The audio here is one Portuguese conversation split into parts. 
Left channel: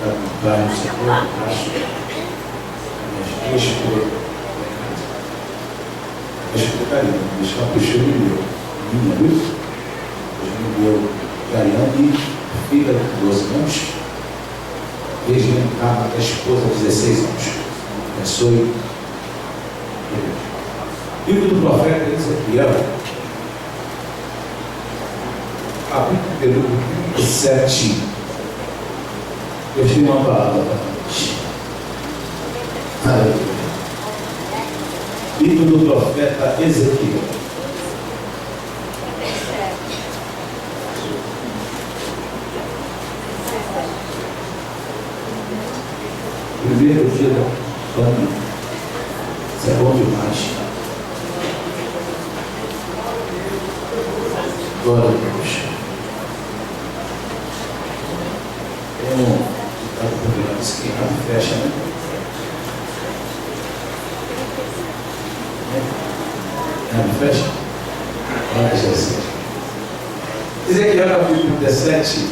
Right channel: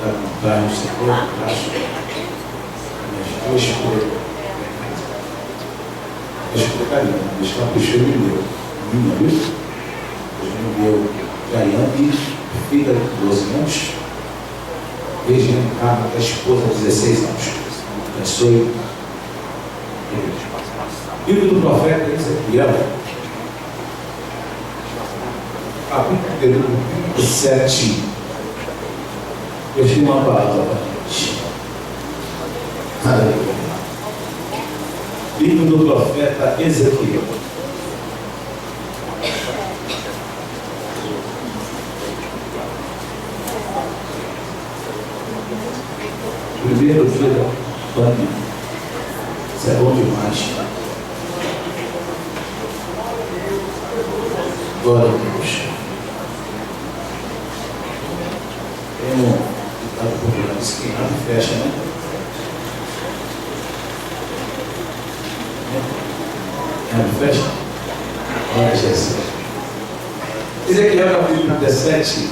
para comprar no setor, acho as duas coisas. Deixa eu colocar ali, deixa eu puxar o meu. Minha, viu? O meu Gaiane, filha de 12 anos, Regina Carla, a esposa de 16 anos. Abençoe. Livro do profeta Ezequiel, capítulo 37. Eu tenho uma palavra para vocês. Aleluia. Livro do profeta Ezequiel. Primeiro dia da pandemia. Isso é bom demais. Glória a Deus. Tem um ditado popular que diz que abre e fecha, né? Abre e fecha? Olha, Jesus. Ezequiel capítulo 37.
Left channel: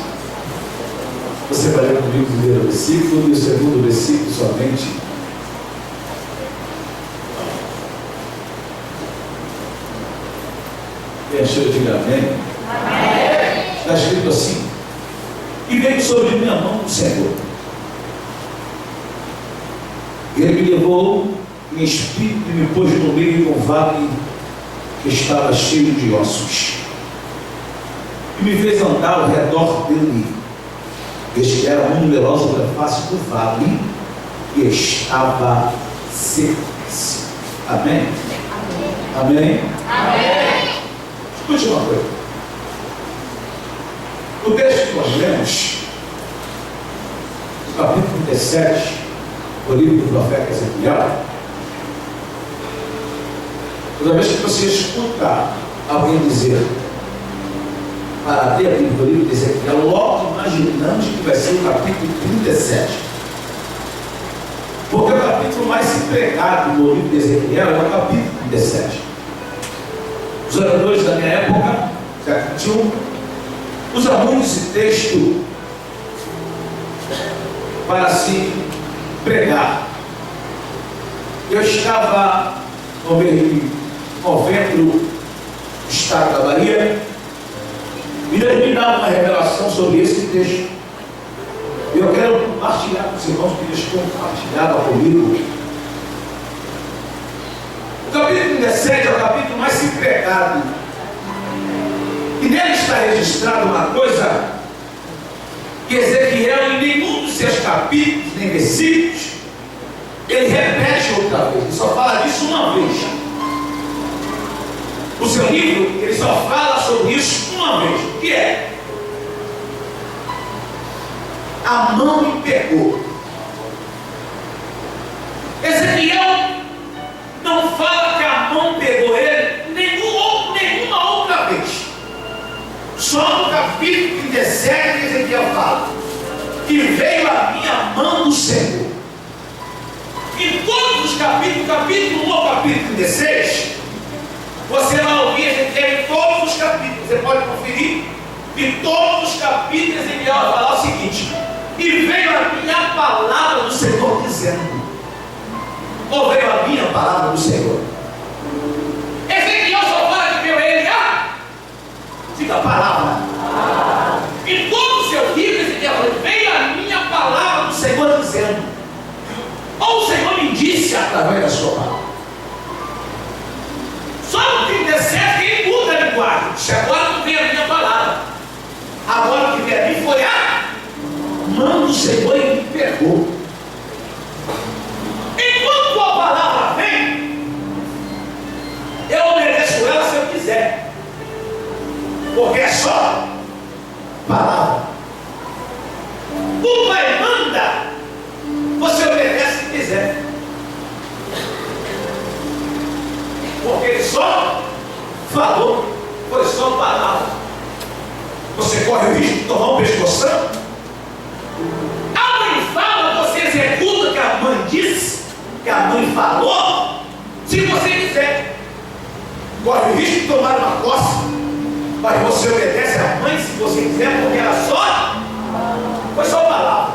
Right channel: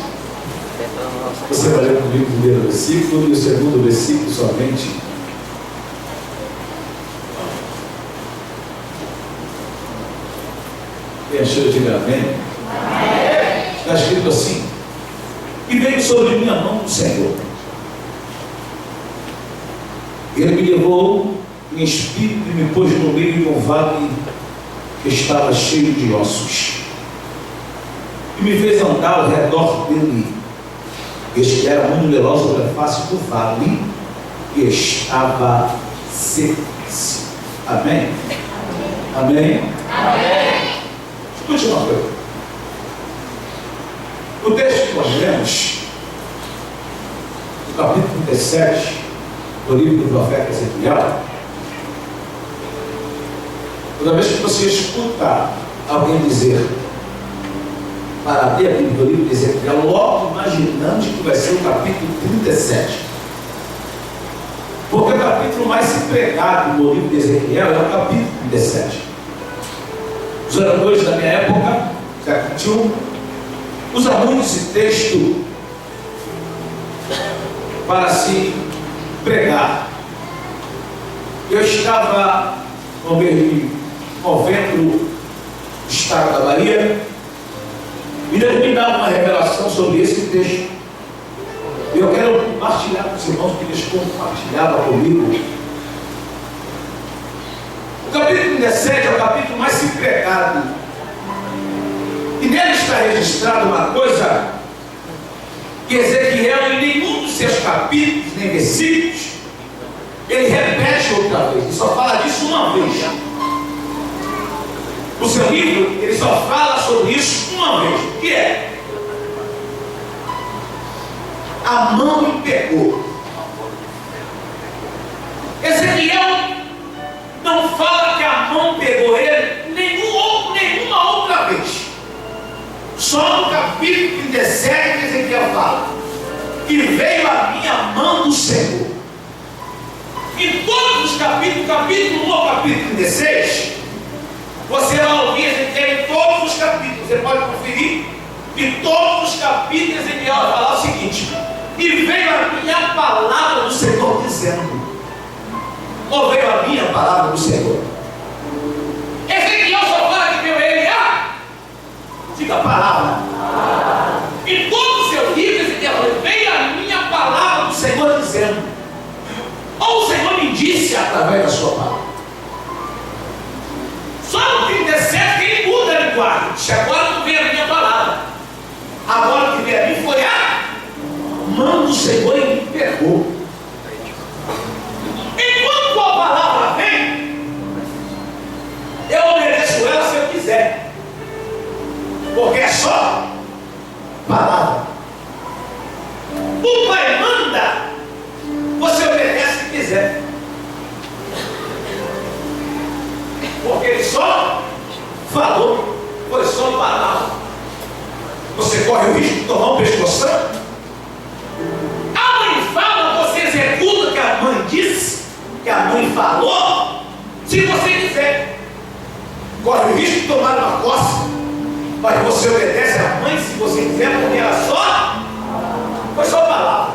Você vai ler comigo o primeiro versículo e o segundo versículo somente. Quem achou, diga amém. Está escrito assim: e veio sobre minha mão o Senhor. Ele me levou em espírito e me pôs no meio de um vale que estava cheio de ossos. E me fez andar ao redor dele. Este era muito numeroso da face do vale e estava sequíssimo. Amém? Amém? Amém? Escute uma coisa. No texto que nós lemos, no capítulo 37, do livro do profeta Ezequiel, toda vez que você escuta alguém dizer para abrir a Bíblia do livro de Ezequiel, logo imaginamos que vai ser o capítulo 37. Porque o capítulo mais empregado no livro de Ezequiel é o capítulo 37. Os oradores da minha época, século XXI, usam muito esse texto para se pregar. Eu estava no mês de novembro no estado da Bahia, e Deus me dá uma revelação sobre esse texto. Eu quero compartilhar com os irmãos que eles compartilhavam comigo. O capítulo 17 é o capítulo mais empregado. E nele está registrada uma coisa que Ezequiel, em nenhum dos seus capítulos, nem versículos, ele repete outra vez. Ele só fala disso uma vez. No seu livro, ele só fala sobre isso uma vez. O que é? A mão me pegou. Ezequiel não fala que a mão pegou ele nenhuma outra vez. Só no capítulo 37 que Ezequiel fala: e veio a minha mão do Senhor. Em todos os capítulos, capítulo 1 ao capítulo 16, você vai ouvir Ezequiel em todos os capítulos. Você pode conferir. Em todos os capítulos Ezequiel vai falar o seguinte: e veio a minha palavra do Senhor dizendo. Ou veio a minha palavra do Senhor? Ezequiel só fala que veio ele. Diga a palavra. Em todo o seu livro Ezequiel fala: veio a minha palavra do Senhor dizendo. Ou o Senhor me disse através da sua palavra. Só no 37 que ele muda a linguagem. Se agora não veio a minha palavra, agora o que veio a mim foi a mão do Senhor e me pegou. Enquanto a palavra vem, eu obedeço ela se eu quiser, porque é só palavra. O Pai manda, você obedece se quiser, porque ele só falou, foi só palavra. Você corre o risco de tomar um pescoção. A mãe fala, você executa o que a mãe disse, que a mãe falou, se você quiser. Corre o risco de tomar uma coça, mas você obedece a mãe se você quiser, porque ela só foi só palavra.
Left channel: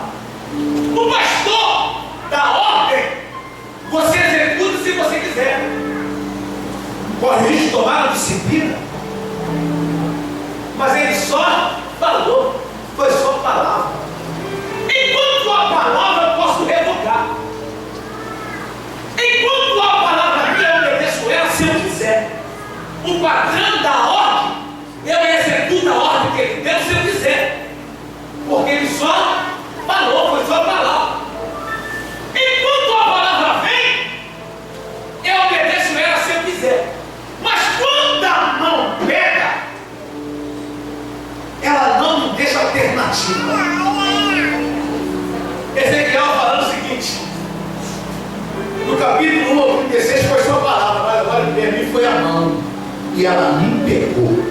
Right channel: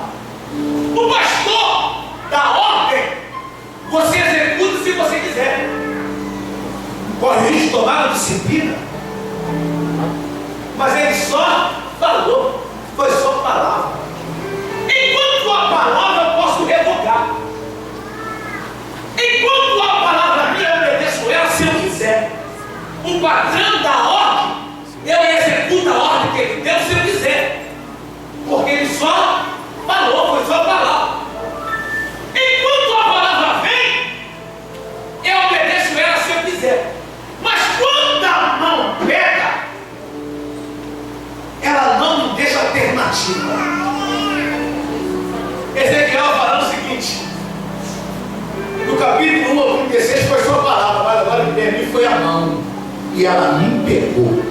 e ela me pegou.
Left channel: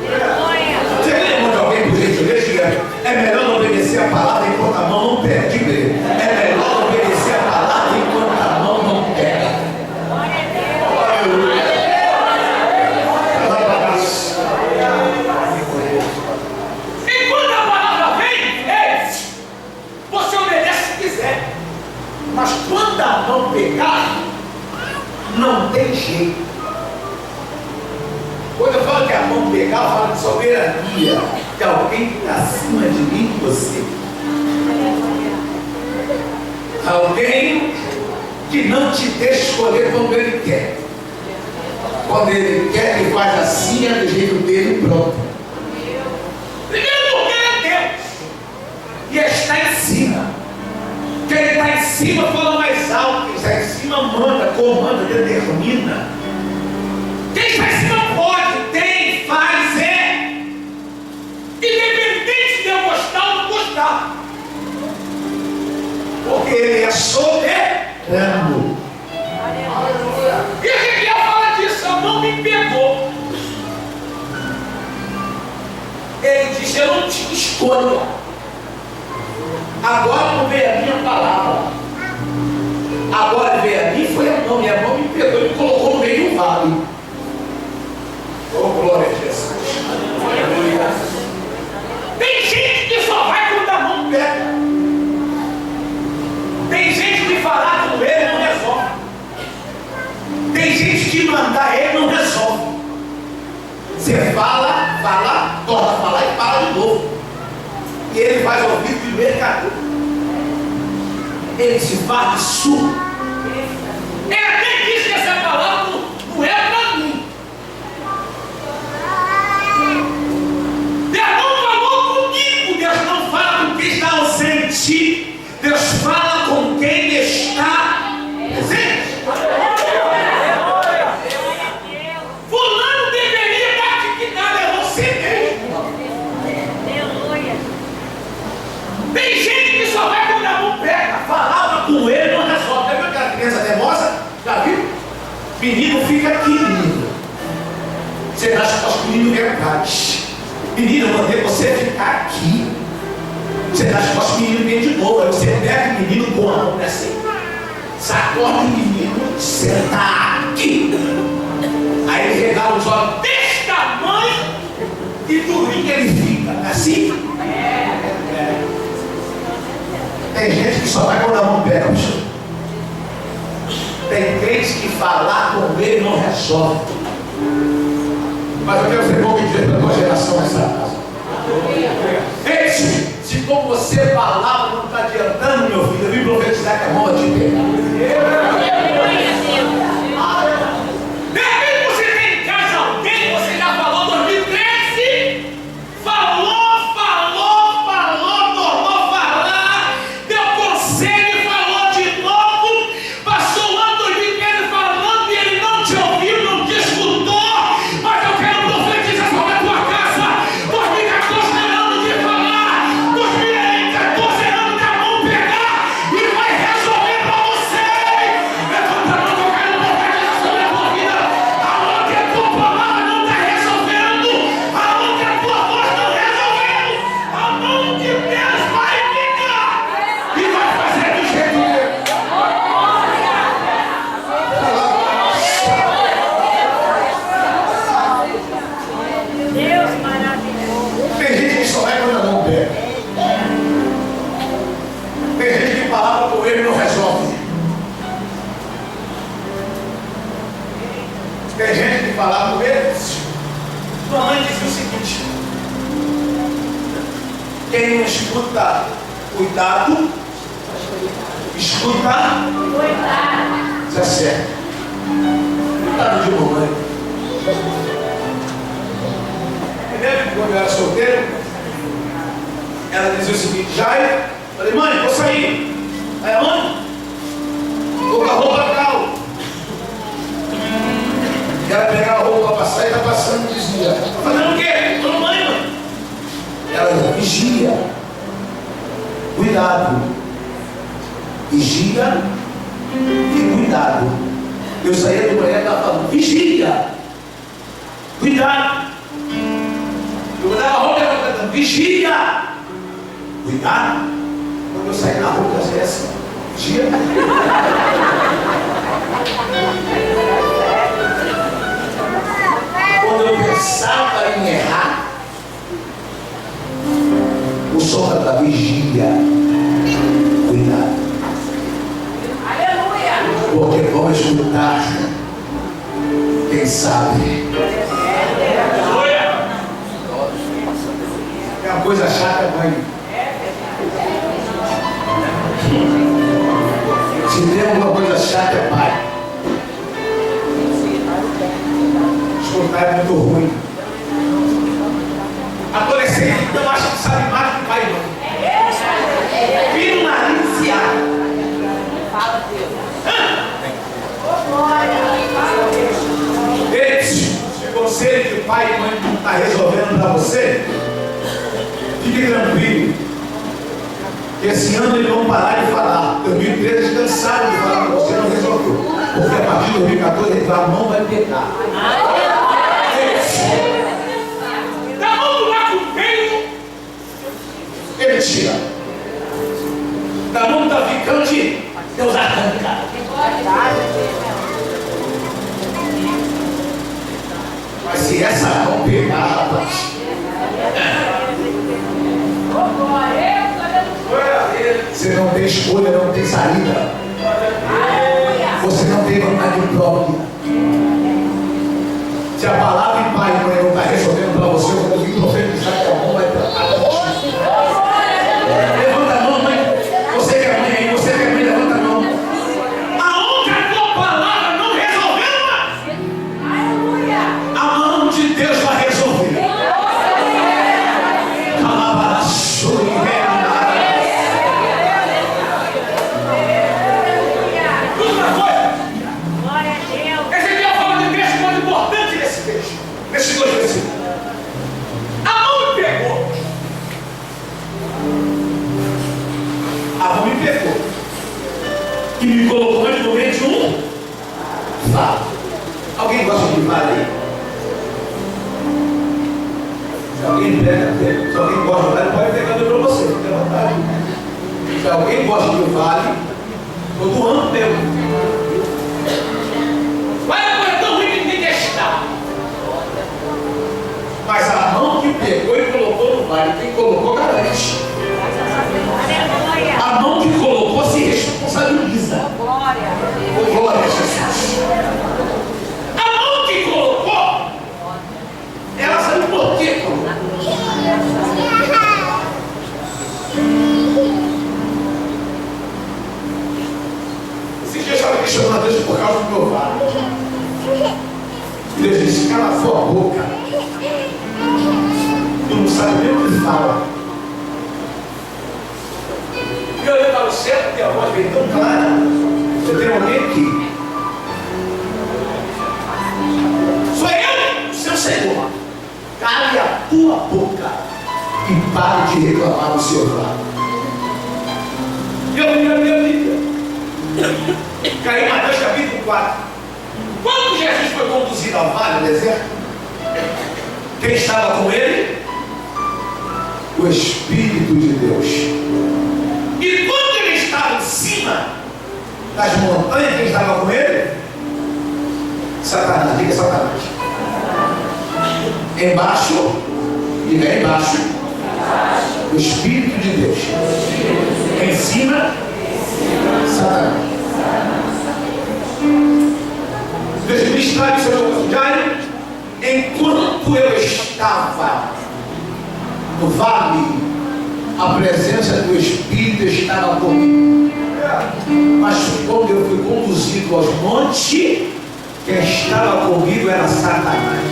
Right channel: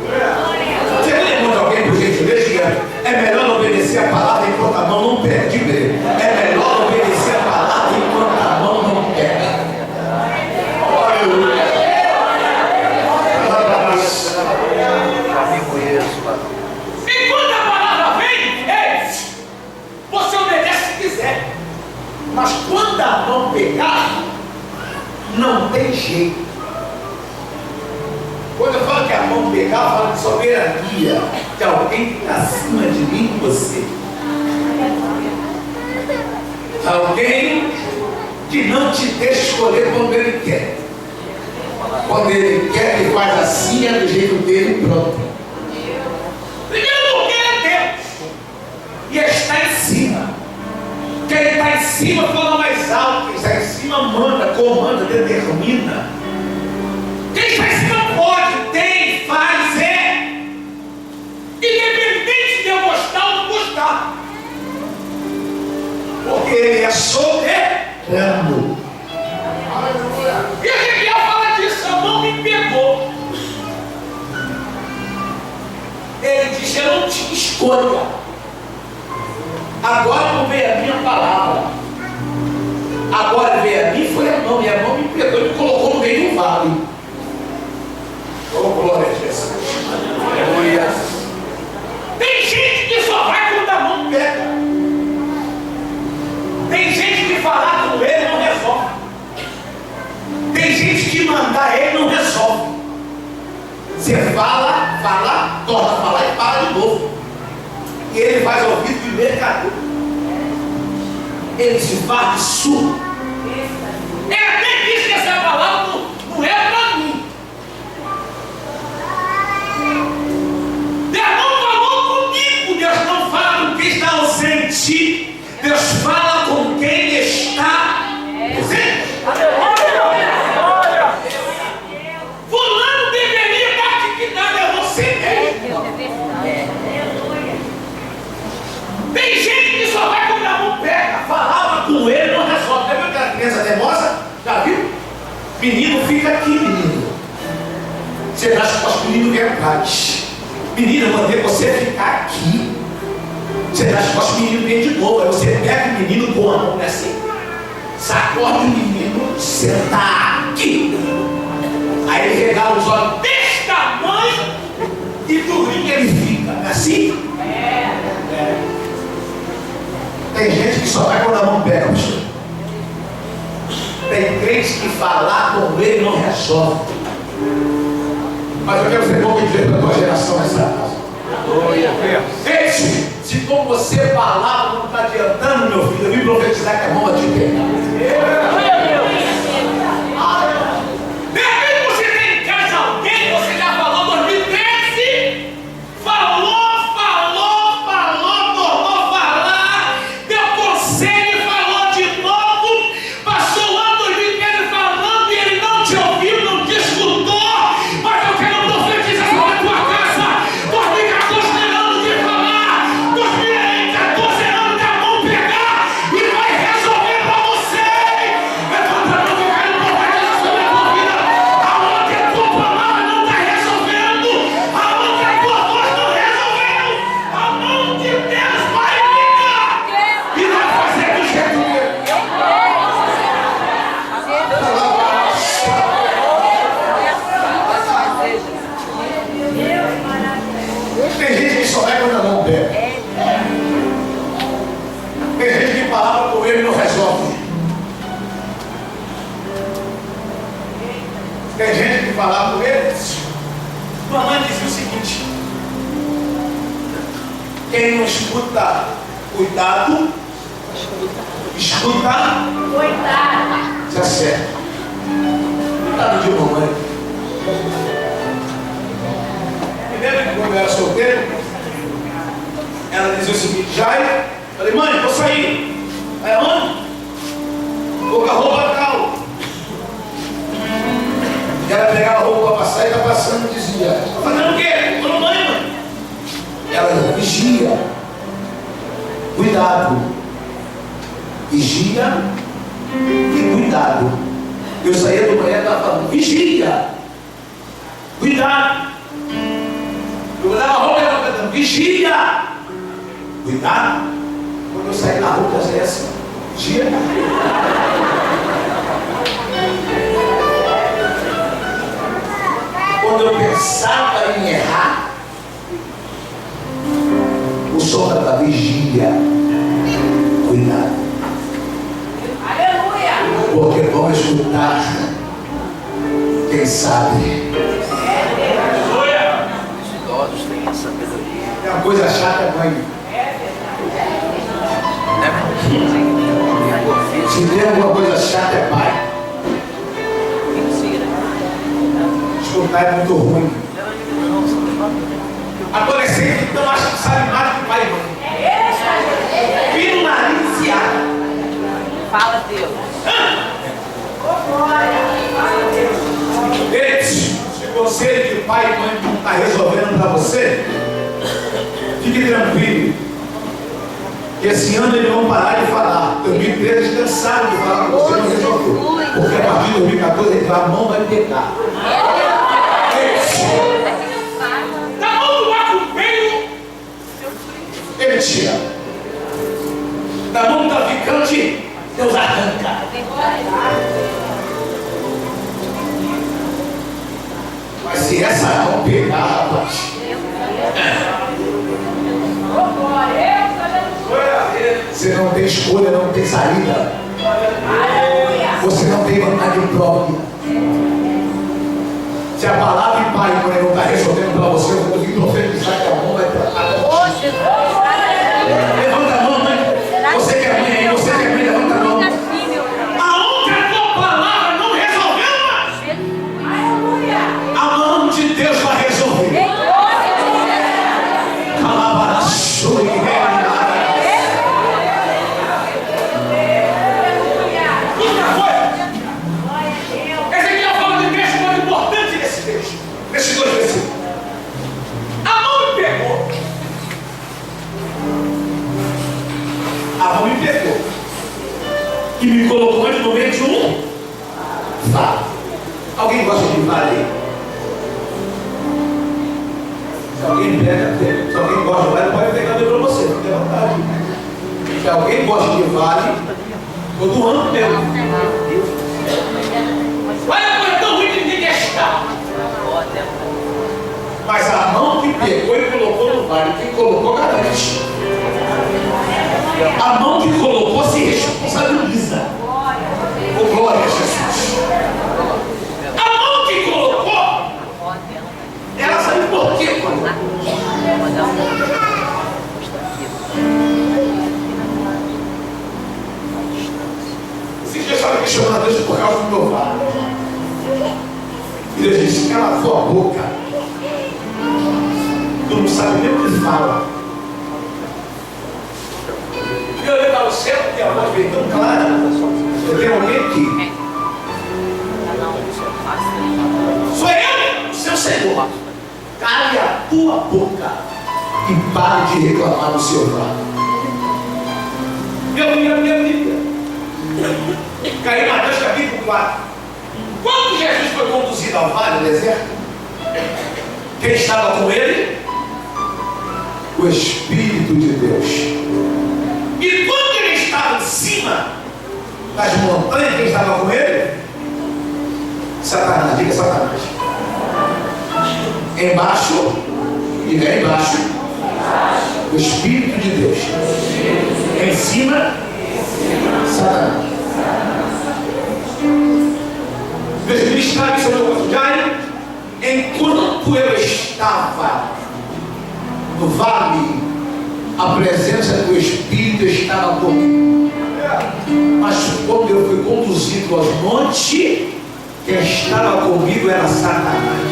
Você lembra de alguém, por gentileza, diga: é melhor não obedecer a palavra enquanto a mão não pega. Diga: é melhor obedecer a palavra enquanto a mão não pega. Aleluia. Enquanto a palavra vem, você obedece se quiser. Mas quando a mão pegar, não tem jeito. Quando eu falo que a mão pegar, eu falo de soberania, de alguém que está acima de mim e você. Alguém que não te deixa escolher quando ele quer. Quando ele quer, ele faz assim, é do jeito dele, pronto. Primeiro porque ele é Deus. E ele está em cima. Quem está em cima fala mais alto. Quem está em cima manda, comanda, determina. Quem está em cima pode, tem, faz, é. Independente de eu gostar ou não gostar. Porque ele é soberano. E Ezequiel fala disso: a mão me pegou. Ele disse: eu não tinha escolha. Agora não veio a minha palavra. Agora veio a mim, foi a mão. E a mão me pegou e me colocou no meio do vale. Oh, glória a Jesus. Aleluia. Tem gente que só vai quando a mão pega. Tem gente que falar com ele não resolve. Tem gente que mandar ele não resolve. Você fala, torna a falar e fala de novo. E ele faz ouvido de mercador. Ele se faz de surdo. Ele até diz que essa palavra não é para mim. Deus não falou comigo. Deus não fala com quem está ausente. Deus fala com quem está presente. Fulano deveria dar dignidade a você mesmo. Tem gente que só vai quando a mão pega. Falava com ele, não resolve. Já viu aquela criança teimosa? Já viu? Menino fica aqui, menino. Você dá as costas, menino vem atrás. Menino, eu mandei você ficar aqui. Você dá as costas, menino vem de novo. Aí você pega o menino com a mão assim. Sacode o menino, senta aqui. Aí ele regala os olhos desse tamanho e durinho ele fica. Não é assim? Tem gente que só vai quando a mão pega, bicho. Tem crente que falar com ele não resolve. Mas eu quero ser pouco dizer para a tua geração nessa casa. Se como você falava não está adiantando, meu filho, eu vim profetizar que a mão vai te pegar. De repente você tem em casa alguém, você já falou 2013, falou, tornou falar, deu conselho e falou de novo, passou o ano 2013 falando e ele não te ouviu, não te escutou, mas eu quero profetizar sobre a tua casa. 2014 é ano de falar, 2014 é ano da mão pegar e vai resolver para você. Levanta a mão que eu quero profetizar sobre a tua vida. Aonde a tua palavra não está resolvendo, aonde a tua voz não resolveu, a mão de Deus vai pegar e vai fazer do jeito dele. Tem gente que só vai quando a mão pega. Tem gente que palavra com ele não resolve. Tem gente que falava com ele. Mamãe dizia o seguinte: quem não escuta cuidado, escuta cuidado. Isso é certo. Cuidado de mamãe. Me lembro que quando eu era solteiro, ela dizia o seguinte: Jair, falei, mãe, vou sair. Aí aonde? Vou com a roupa tal. E ela pegava a roupa para passar e está passando e dizia: está fazendo o quê? Estou no banho, mãe. Ela dizia: vigia. Cuidado. Vigia e cuidado. Eu saía do banheiro e estava falando: vigia. Cuidado. Eu vou dar uma roupa cantando. Vigia. Cuidado. Quando eu sair na rua, eu sei assim. Vigia. Quando eu pensava em errar, o som da vigia. Cuidado. Aleluia. Porque vamos escutar. Quem sabe? É uma coisa chata, mãe. Se tem alguma coisa chata, é pai. Escutar é muito ruim. Adolescente, então, acha que sabe mais do que pai e mãe. Filho maliciado. Fala, Deus. Se conselho que pai e mãe não está resolvendo para você, fique tranquilo. Que esse ano eles vão parar de falar. 2013 eles cansaram de falar para você, não resolveu. Porque a partir de 2014 ele fala, não vai pegar. Na mão do macumbeiro, ele tira. Na mão do traficante, Deus arranca. Mas se essa mão pegar, rapaz, você não tem escolha, não tem saída. Você não tem vontade própria. Se a palavra de pai e mãe não está resolvendo para você, eu vou conseguir profetizar que a mão vai tratar. Levanta a mão, mãe. Você que é mãe aí, você que é mãe, levanta a mão. Aonde a tua palavra não resolveu, a mão de Deus vai resolver. Nesses dois versículos. A mão me pegou. A mão me pegou. E me colocou no meio de um vale. Alguém gosta de vale aí? Se alguém pega, se alguém gosta de vale, pode pegar para você, fique à vontade. Se alguém gosta de vale, vou doando meu. Vai a coisa tão ruim que ninguém quer estar. Mas a mão que pegou e colocou no vale, quem colocou garante. A mão que colocou se responsabiliza. Oh, glória a Jesus. A mão que colocou, ela sabe por quê, colocou. Esses dias eu estava questionando a Deus por causa do meu vale. E Deus disse, cala a sua boca. Tu não sabe nem o que fala. E eu olhei para o céu, porque a voz veio tão clara. Eu tenho alguém aqui. Sou eu, o seu Senhor. Cale a tua boca e pare de reclamar do seu vale. E eu vi a minha Bíblia. Caí em Mateus capítulo 4. Quando Jesus foi conduzido ao vale do deserto, quem estava com ele? O Espírito de Deus. E quando ele estava em cima das montanhas, quem estava com ele? Satanás, diga Satanás. Embaixo, diga embaixo, o Espírito de Deus. Em cima, Satanás. Deus me está em seu cotidiano. Enquanto eu estava no vale, a presença do Espírito estava comigo. Mas quando eu fui conduzido aos montes, quem estava comigo era Satanás.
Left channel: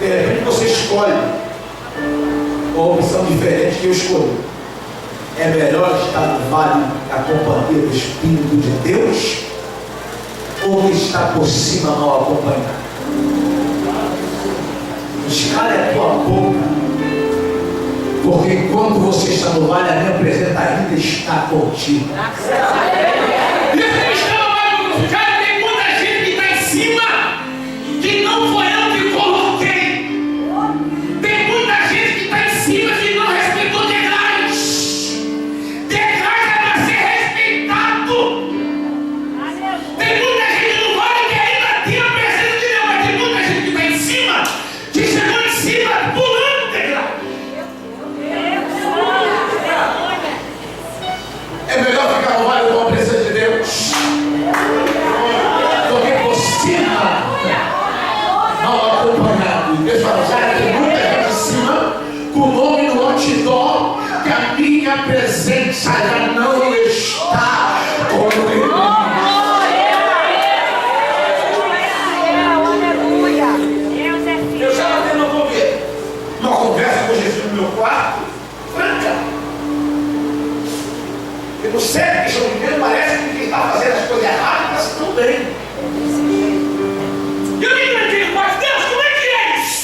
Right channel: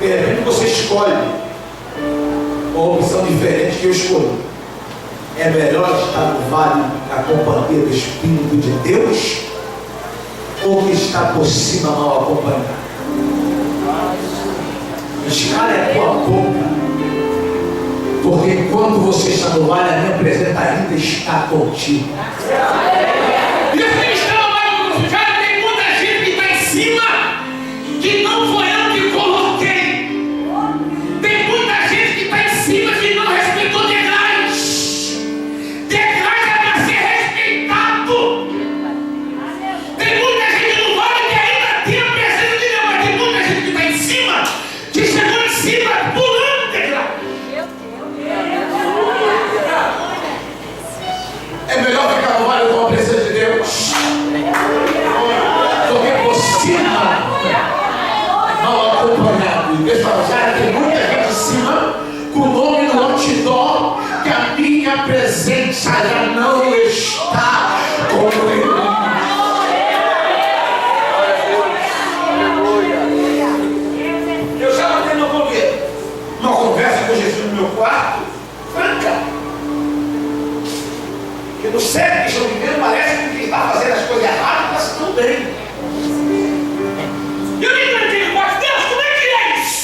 De repente você escolhe uma opção diferente que eu escolhi. É melhor estar no vale na companhia do Espírito de Deus, ou estar por cima mal acompanhado? Escala a tua boca, porque quando você está no vale, a minha presença ainda está contigo. E assim está no vale do Sul, tem muita gente que está em cima, que não foi minha presença já não está com ele. Eu já tendo uma conversa com Jesus no meu quarto, franca. Porque no sério que estão vivendo, parece que quem está fazendo as coisas erradas está tudo bem. E eu me perguntei, mas Deus, como é que é isso?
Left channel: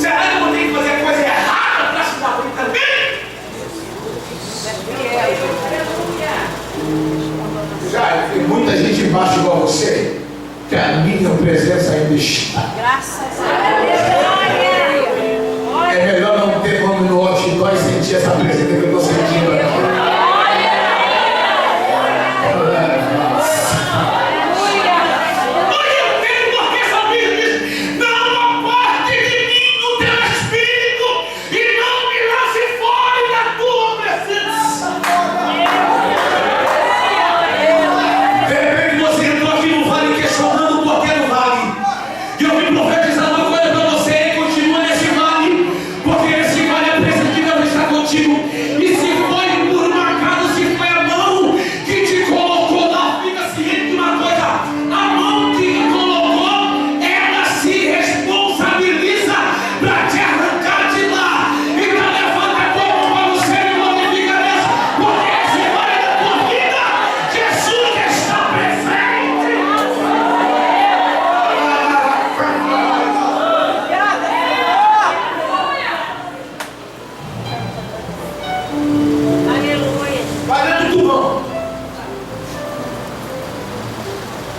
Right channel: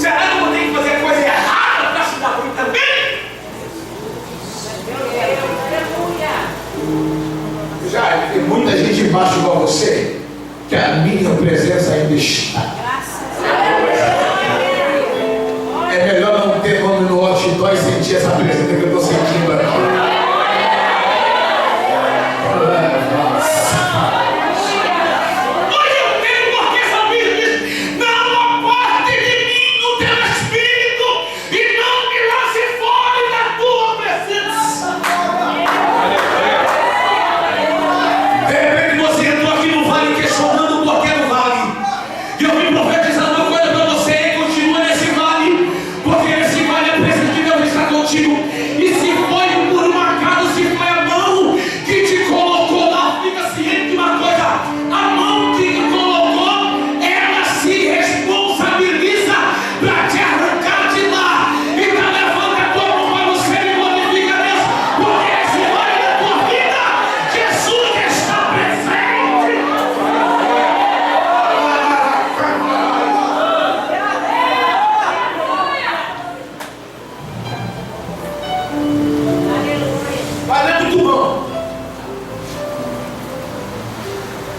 Será que eu vou ter que fazer a coisa errada para se dar ruim também? Já tem muita gente embaixo igual você, que a minha presença ainda está. Graças a Deus. É melhor não ter nome no outdoor e sentir essa presença que eu estou sentindo aqui.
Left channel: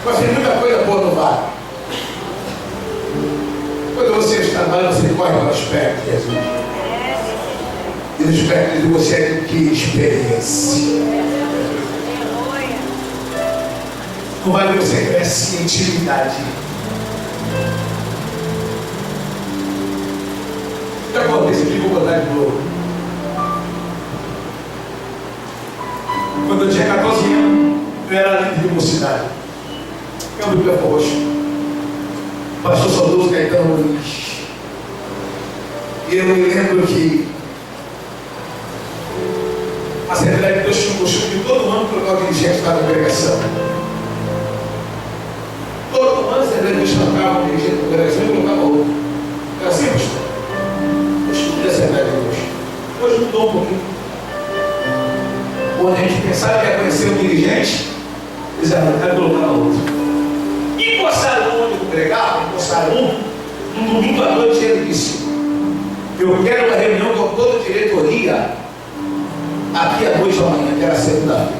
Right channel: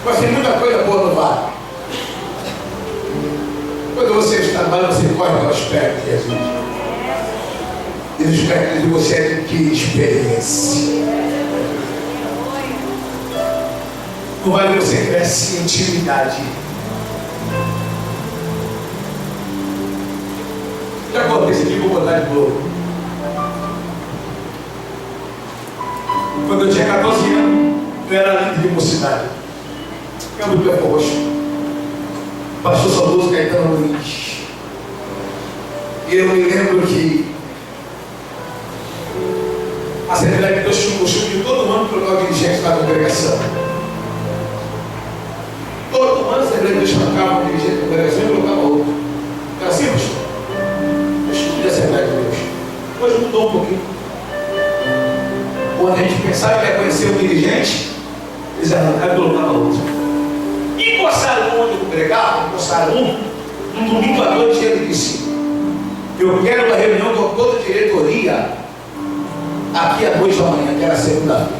Mas tem muita coisa boa no vale. Quando você está no vale, você corre para os pés de Jesus. E nos pés de você adquire experiência. No vale você cresce em intimidade. Já contei isso aqui, vou botar de novo. Quando eu tinha 14 anos, eu era líder de mocidade. Câmbio de Campo Roxo, pastor saudoso Caetano Luiz. E eu me lembro que a Assembleia de Deus tinha um costume de todo ano trocar o dirigente da congregação. Todo ano a Assembleia de Deus trocava um dirigente da congregação e colocava outro. Era assim, pastor? O estudo da Assembleia de Deus. Hoje mudou um pouquinho. Quando a gente pensava que ia conhecer o dirigente, eles arrancaram e colocavam outro. Encostaram um onde eu pregava, encostaram um domingo à noite, ele disse: eu quero uma reunião com toda a diretoria aqui à noite da manhã, que era segunda-feira.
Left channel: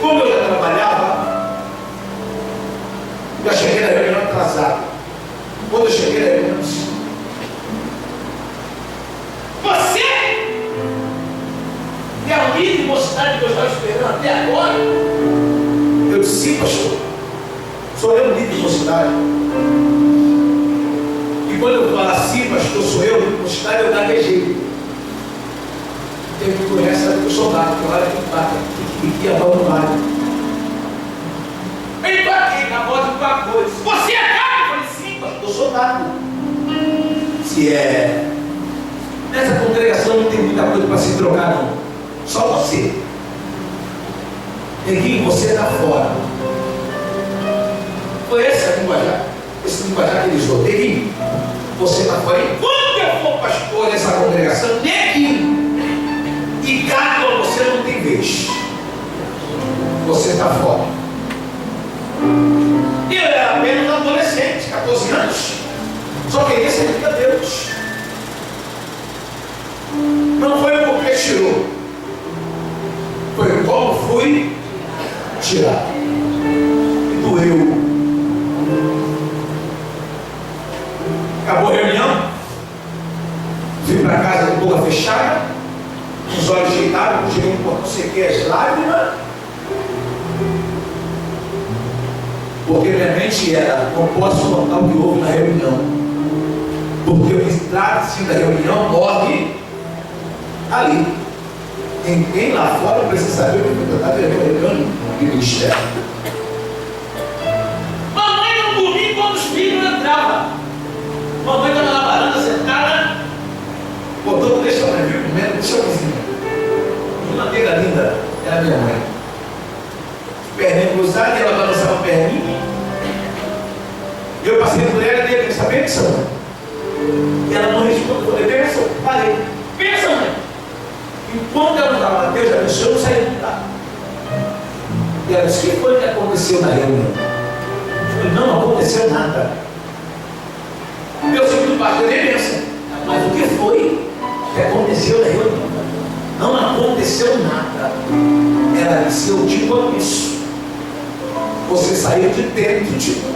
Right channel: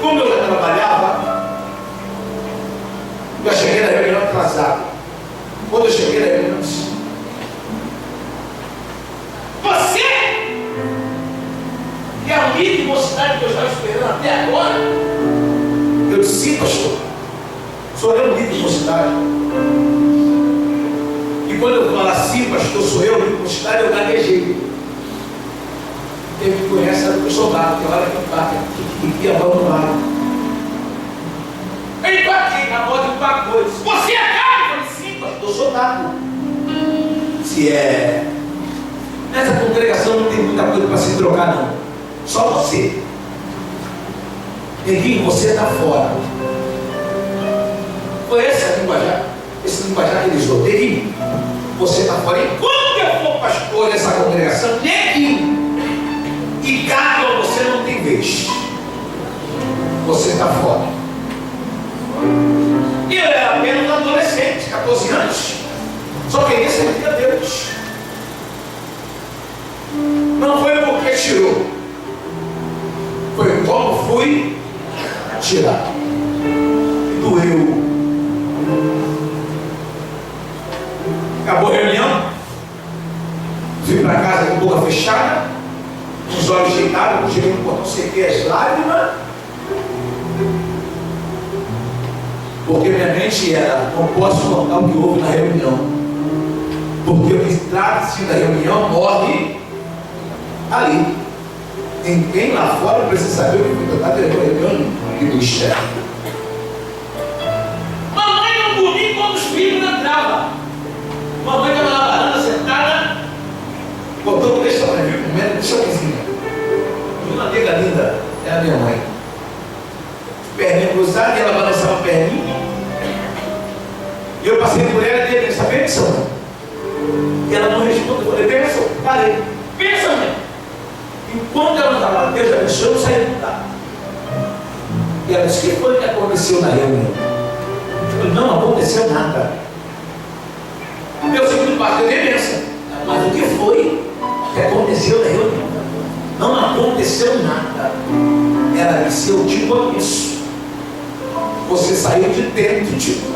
Como eu já trabalhava, já cheguei na reunião atrasado. Quando eu cheguei na reunião, eu disse: você é a líder de mocidade que eu estava esperando até agora? Eu disse: sim, pastor. Sou eu o líder de mocidade. E quando eu falo assim, pastor, sou eu o líder de mocidade, eu gaguejei. Quem me conhece sabe que eu sou gato, que hora que empata, que abandonado. Eu empatei na voz do pacote. Você é gato? Eu falei: sim, pastor, eu sou gato. Se é. Nessa congregação não tem muita coisa para se trocar, não. Só você. Neguinho, você está fora. Foi esse linguajar que eles usou. Neguinho, você está fora. Enquanto eu for pastor dessa congregação, neguinho. E gato, você não tem vez. Você está fora. E eu era apenas um adolescente, 14 anos. Só queria servir a Deus. Não foi porque tirou. Foi como fui tirado. E doeu. Acabou a reunião. Fui para casa com a boca fechada, com os olhos deitados, cheguei no portão, sequei as lágrimas. Porque minha mente era: não posso contar o que houve na reunião. Porque o que trata-se da reunião morre ali. Ninguém lá fora precisa saber o que foi tratado na reunião de ministério. Mamãe não dormia quando os filhos entravam. Mamãe estava na varanda sentada, botou o texto para mim, comendo deixa eu cozinhar. E uma nega linda, era minha mãe. Perninha cruzada, e ela balançava a perninha. E eu passei por ela e dei a benção, benção. E ela não respondeu, eu falei, benção, parei. Benção, mãe. Enquanto ela não estava, Deus abençoe, eu saí do lugar. E ela disse, o que foi que aconteceu na reunião? Eu falei, não aconteceu nada. Meu segundo pastor, eu dei benção. Mas o que foi que aconteceu na reunião? Não aconteceu nada. Ela disse, eu te conheço. Você saiu de dentro de mim.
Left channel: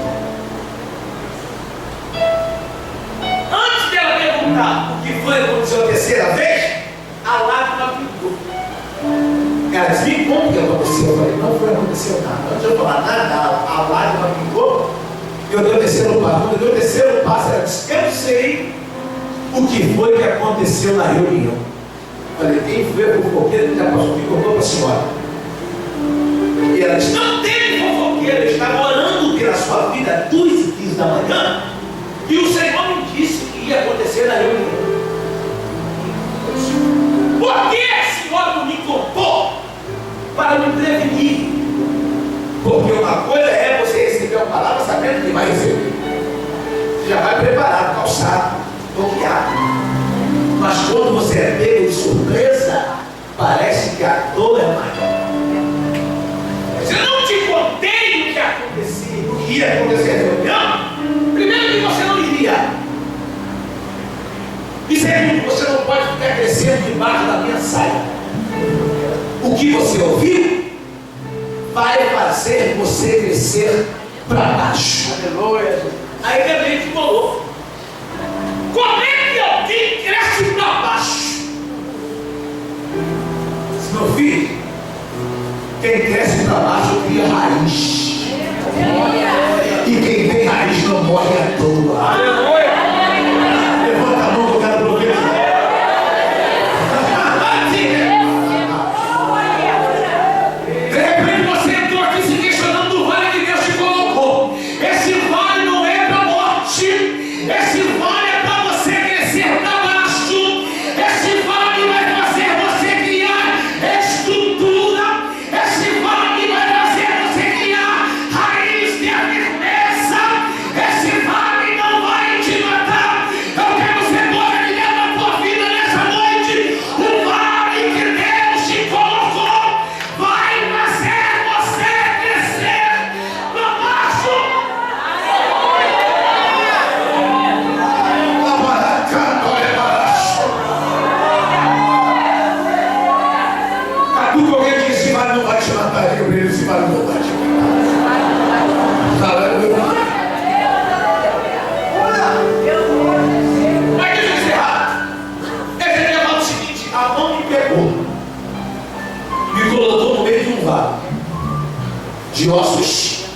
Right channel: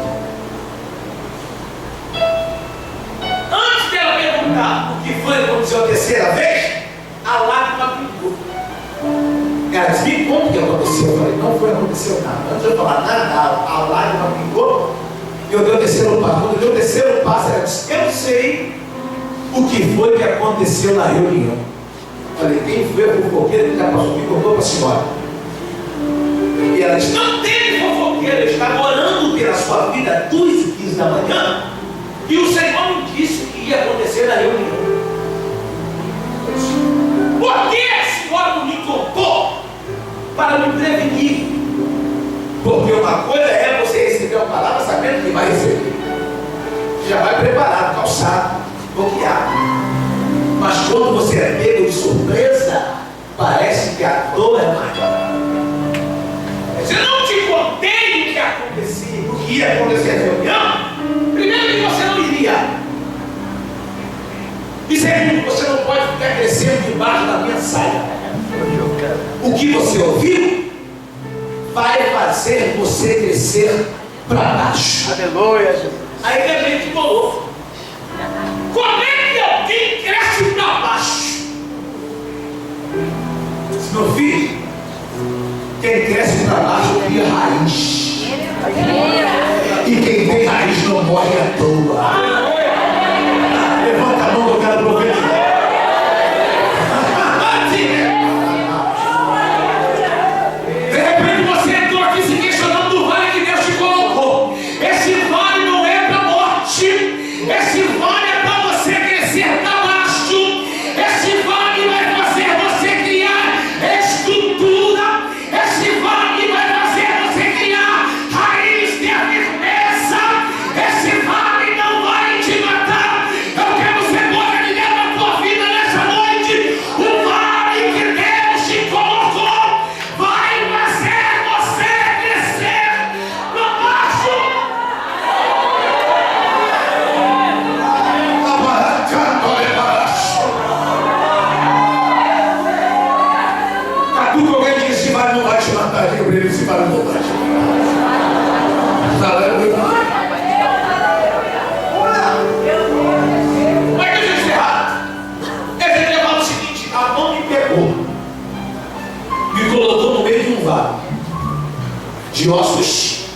Antes dela perguntar o que foi que aconteceu a terceira vez, a lágrima pingou. Ela disse, me conta o que aconteceu. Eu falei, não aconteceu nada. Antes de eu falar nada, a lágrima pingou. Eu dei o terceiro passo. Quando eu dei o terceiro passo, ela disse, eu sei o que foi que aconteceu na reunião. Eu falei, quem foi a fofoqueira que já passou aqui, contou para a senhora. E ela disse, não teve fofoqueira, eu estava orando pela sua vida 2h15 da manhã, e o Senhor me disse que ia acontecer na reunião. Por que a senhora não me contou para me prevenir? Porque uma coisa é você receber uma palavra sabendo que vai receber. Você já vai preparado, calçado, bloqueado. Mas quando você é pego de surpresa, parece que a dor é maior. Se eu não te contei o que acontecia, o que ia acontecer na reunião, primeiro que você não iria. E segundo, você não pode ficar crescendo debaixo da minha saia. O que você ouviu vai fazer você crescer para baixo. Aleluia, Jesus. Aí a mente colou. Como é que alguém cresce para baixo? Meu filho, quem cresce para baixo cria raiz. E quem tem raiz não morre à toa. Levanta a mão que eu quero profetizar. De repente você entrou aqui se questionando do vale que Deus te colocou. Esse vale não é para morte. Esse vale é para você crescer para baixo. Esse vale vai fazer você criar estrutura. Esse vale vai fazer você criar raiz de firmeza. Esse vale não vai te matar. Eu quero ser glorificado na tua vida nessa noite. O vale que Deus te colocou vai fazer você crescer para baixo. Catuca alguém que esse vale não vai te matar. Eu brilho, esse vale não vai te matar. Aleluia. Mas deixa eu encerrar. Esse dia fala o seguinte: a mão me pegou, me colocou no meio de um vale de ossos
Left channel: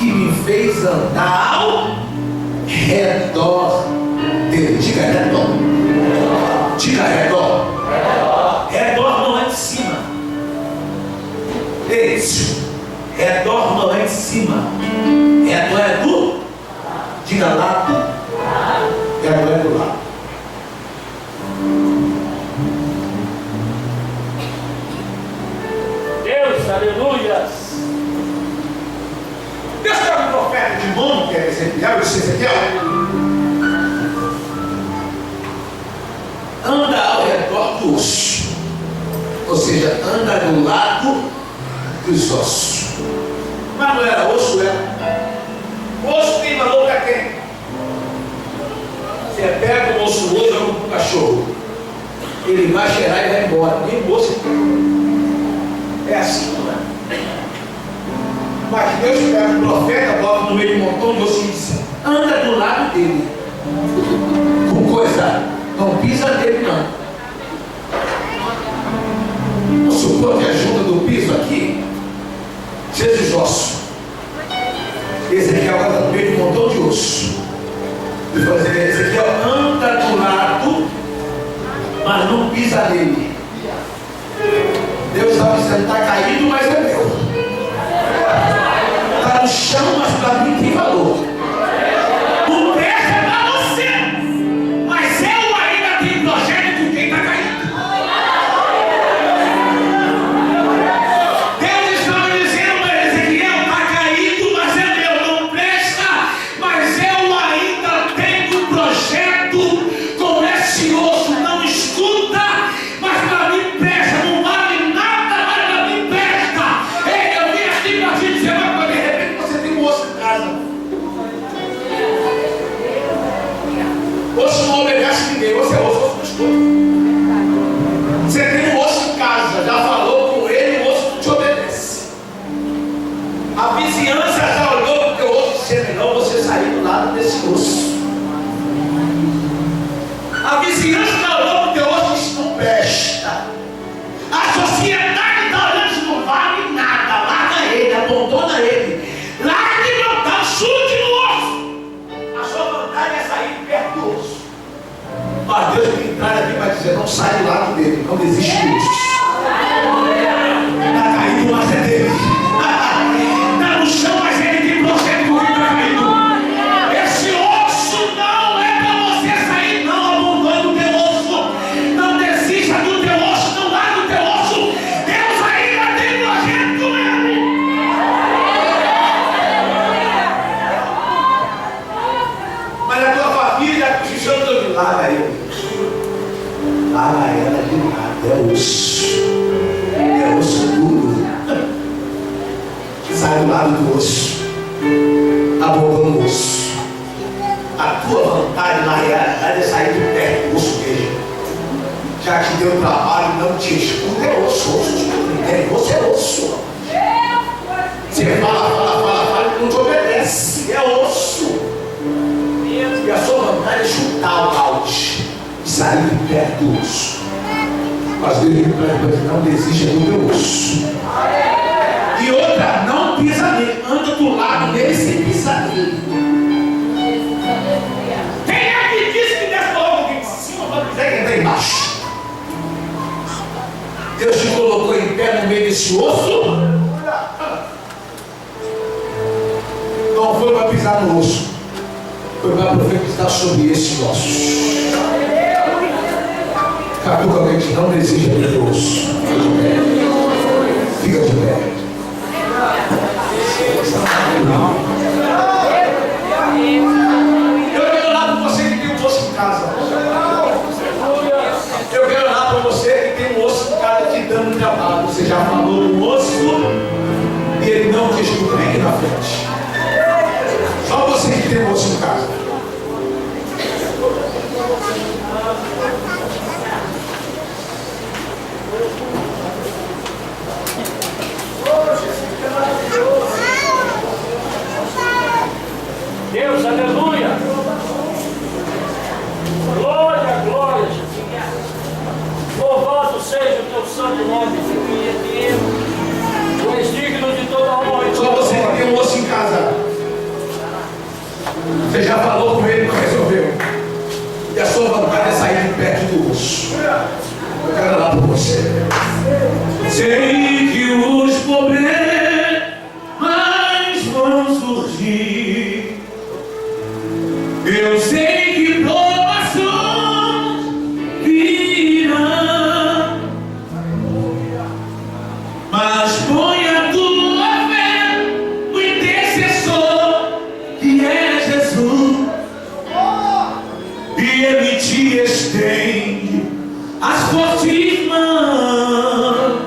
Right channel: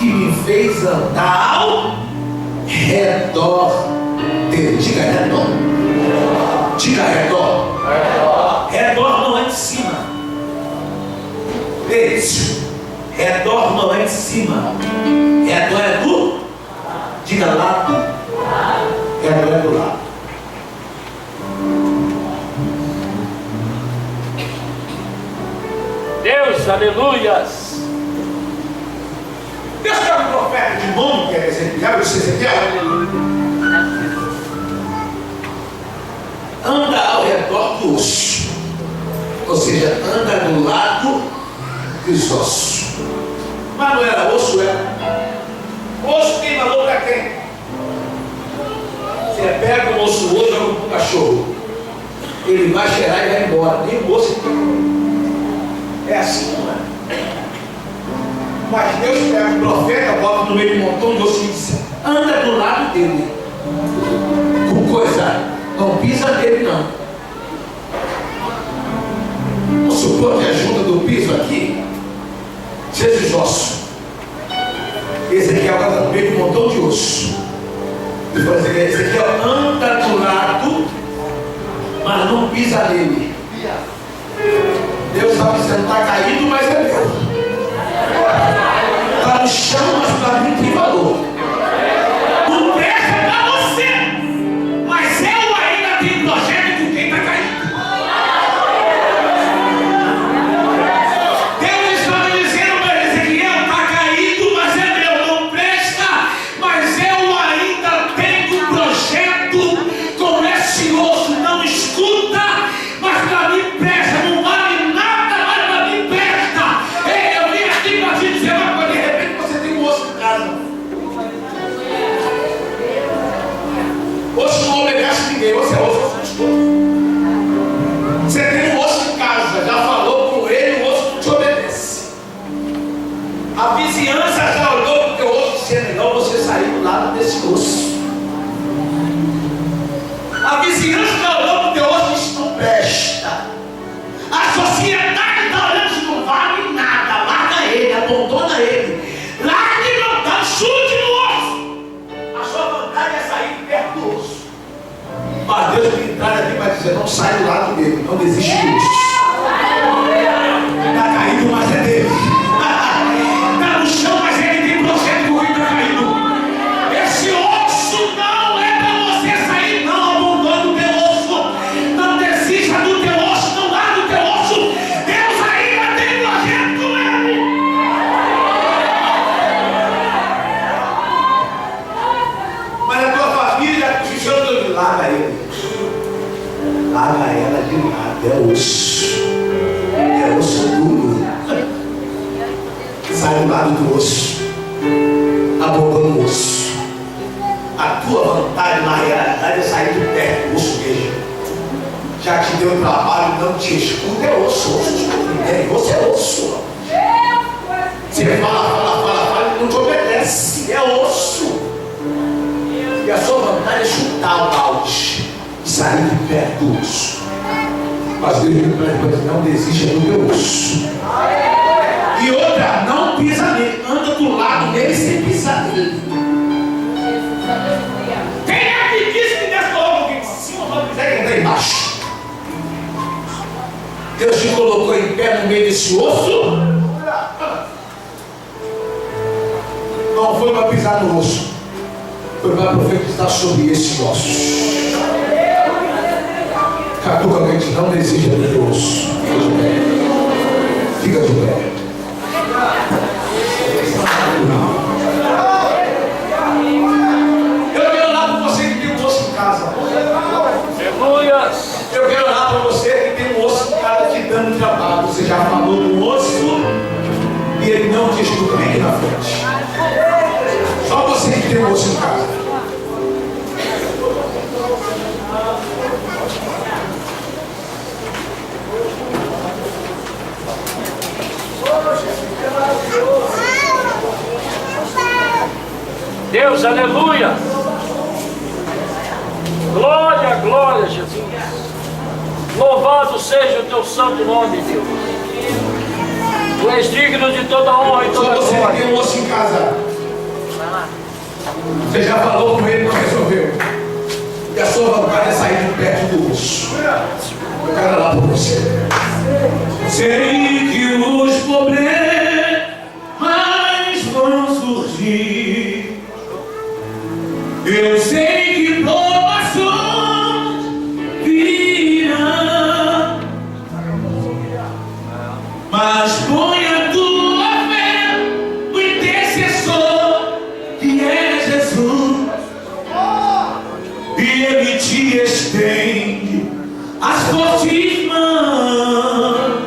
e me fez andar ao redor dele. Diga redor. Diga redor. Redor não é de cima. Isso. Redor não é de cima. Redor é do. Diga lado. Redor é do lado. Deus, aleluias. Deus tem um profeta de nome que é Ezequiel, disse Ezequiel, anda ao redor do osso, ou seja, anda do lado dos ossos. Mas não era osso, era. Osso tem valor para quem? Você pega o osso hoje, joga para o cachorro, ele vai cheirar e vai embora, nem o osso é assim, não é? Mas Deus pega o profeta, bota no meio de um montão de ossos e diz, anda do lado dele. Com coisa, não pisa nele não. Vamos supor que a junta do piso aqui seja os ossos. Ezequiel anda no meio de um montão de osso. Ele fala assim, Ezequiel anda do lado, mas não pisa nele. Deus está dizendo, está caído, mas é meu. Está no chão, mas para mim tem valor. O preço é para você, mas eu ainda tenho projeto com quem está caído. Ele não desiste do osso. Está caído, mas é dele. Está no chão, mas ele tem projeto com quem está caído. Esse osso não é para você sair, não. Abandone o teu osso. Não desista do teu osso. Não largue o teu osso. Deus ainda tem projeto com ele. Mas a tua família, larga ele. Larga ela de nada. É osso. É osso duro. Sai do lado do osso. Abobando o osso. A tua vontade na realidade é sair de perto do osso mesmo. Já te deu trabalho, não te escuta. É osso. Osso é osso. É osso. Você fala, não te obedece. É osso. E a sua vontade é chutar o balde e sair de perto do osso. Mas Deus não desiste do teu osso. E outra, não pisa nele. Anda do lado dele sem pisar nele. Quem é que disse que desce logo em cima para pisar e entrar embaixo? Deus te colocou em pé no meio desse osso. Não foi para pisar no osso. Foi para profetizar sobre esse osso. Catuca alguém que não deseja do teu osso. Fica de pé. Eu quero orar por você que tem um osso em casa. Eu quero orar por você que tem um osso em casa te dando trabalho. Você já falou do osso e ele não te escuta. Vem aqui na frente. Só você que tem um osso em casa. Deus, aleluia. Glória, glória, Jesus. Louvado seja o teu santo nome, Deus. Tu és digno de toda honra e toda Só você que glória. tem um osso em casa. Você já falou com ele, não resolveu. E a sua vontade é sair de perto do osso. Eu quero orar por você. Sei que os problemas vão surgir. Eu sei que provações virão. Mas põe a tua fé no intercessor que é Jesus. E ele te estende as fortes mãos.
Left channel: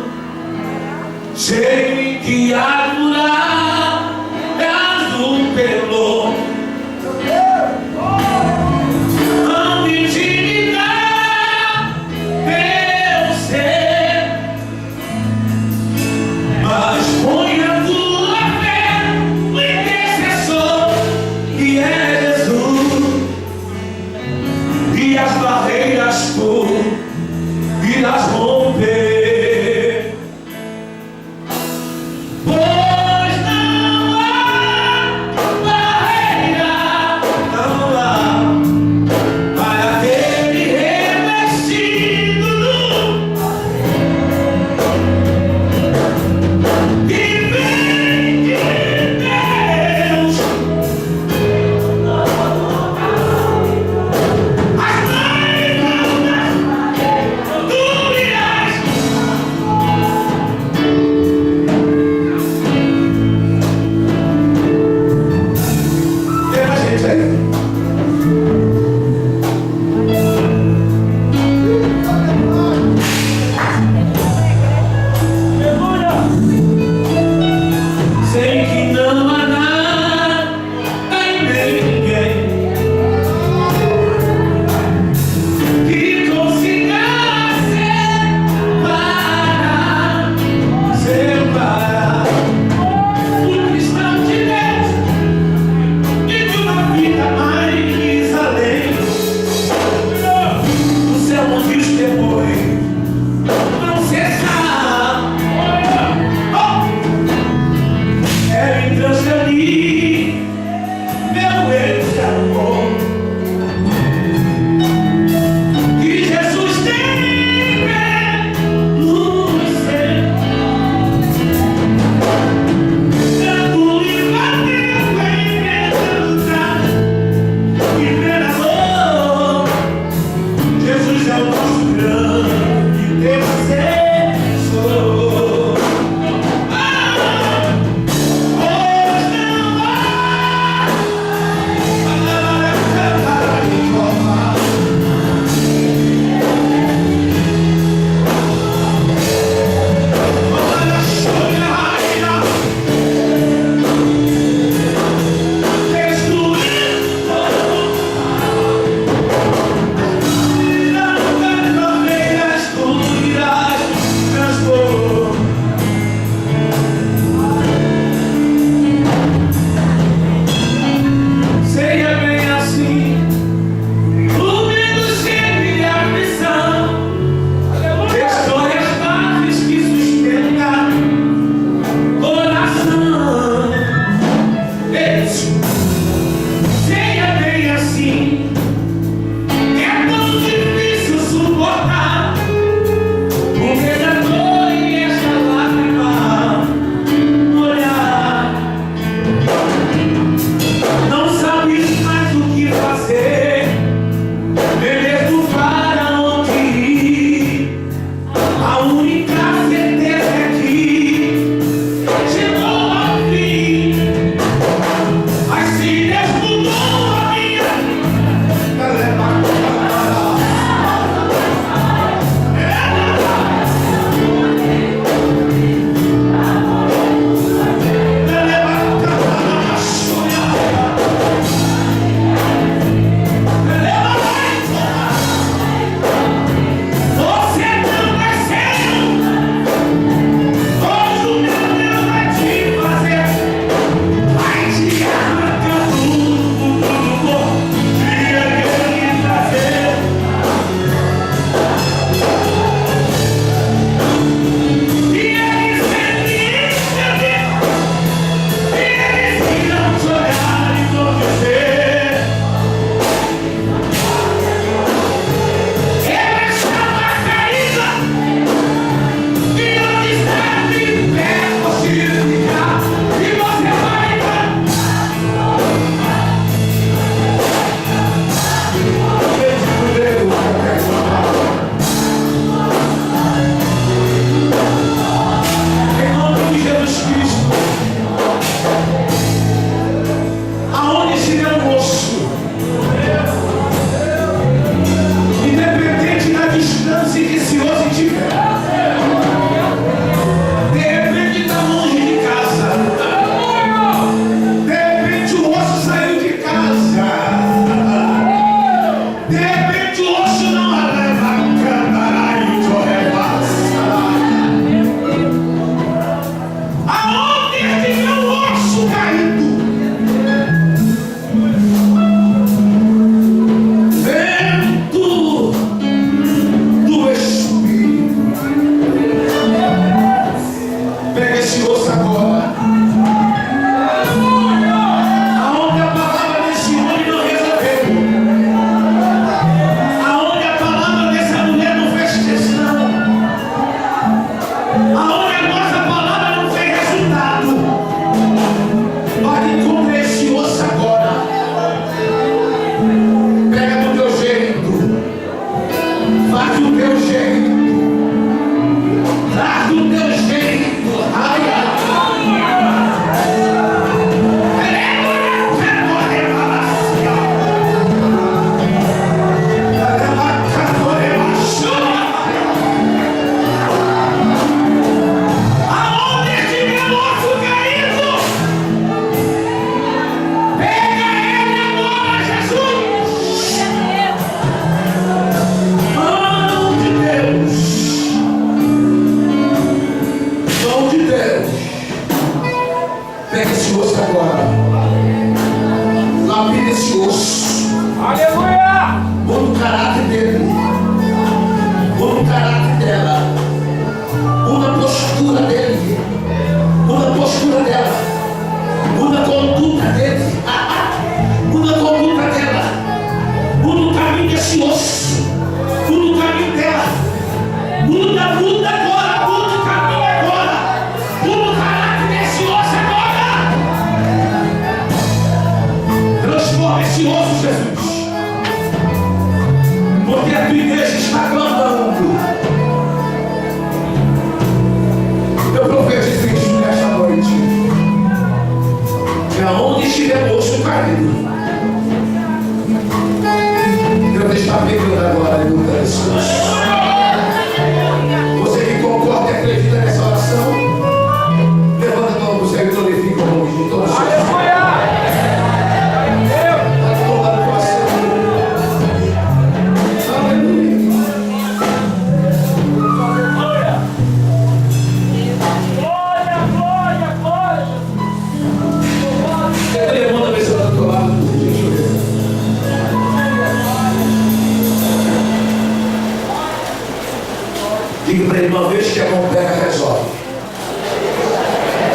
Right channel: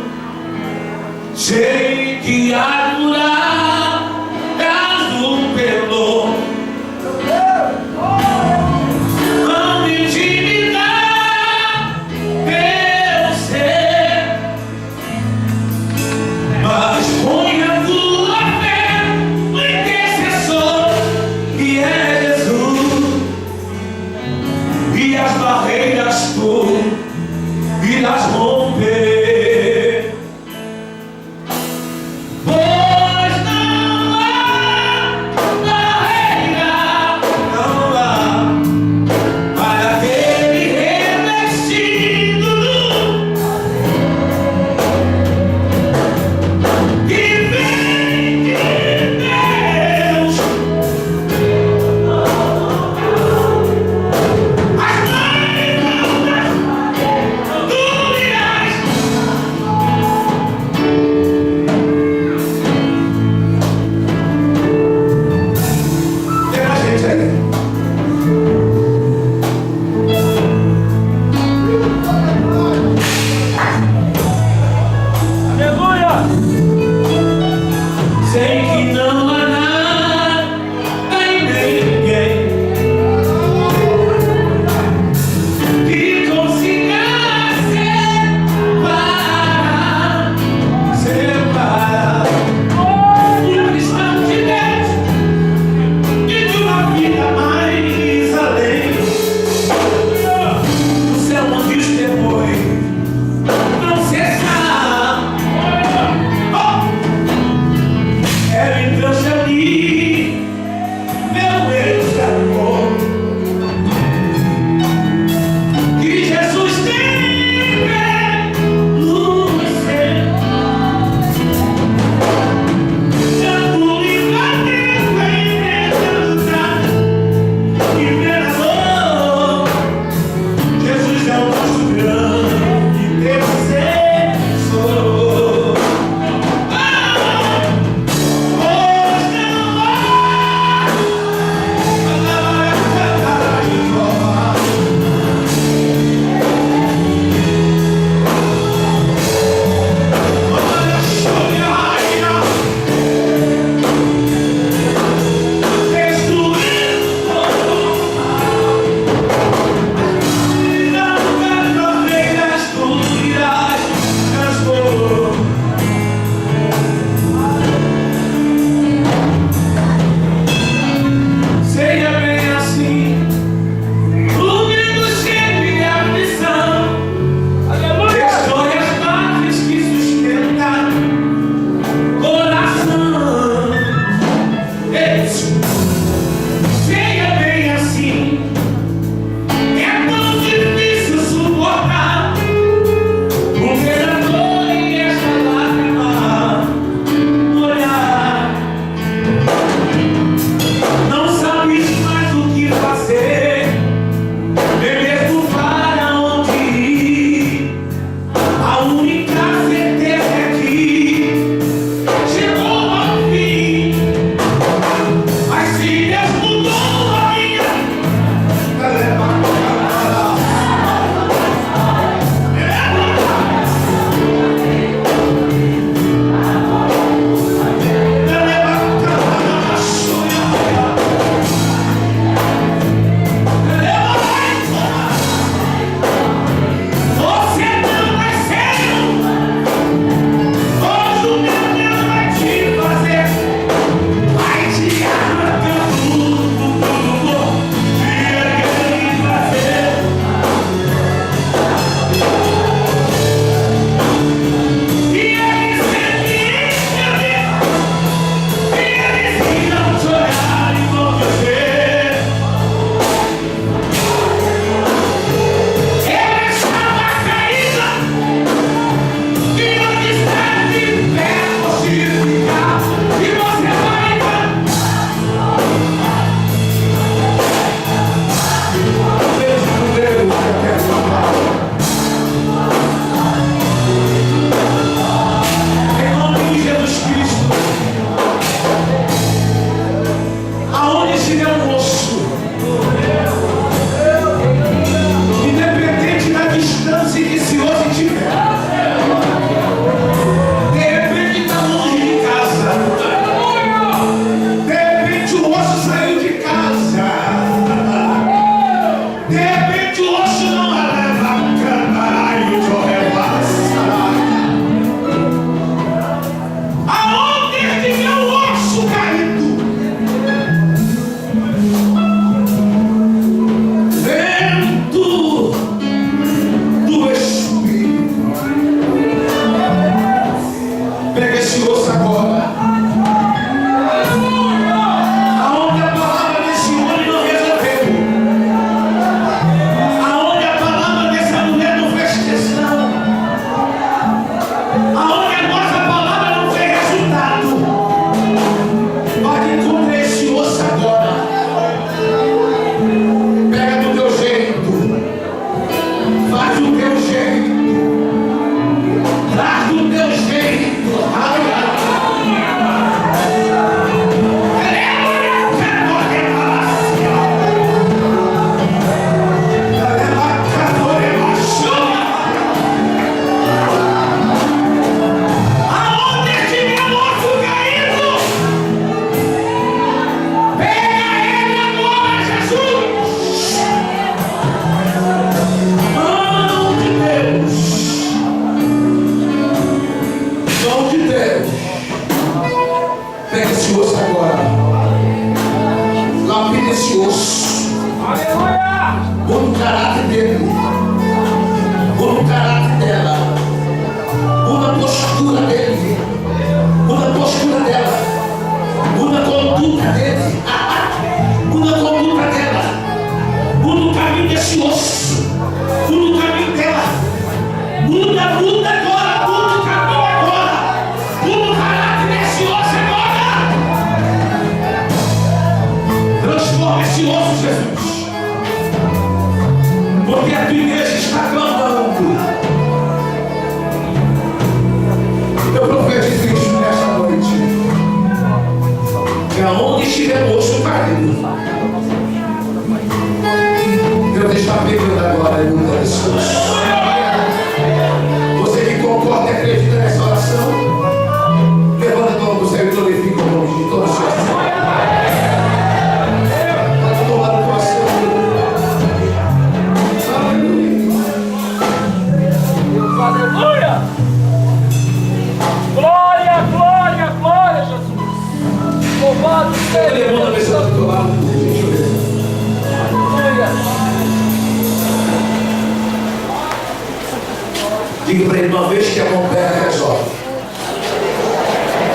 Diga para ele, uma vez que a mão pega, resolve.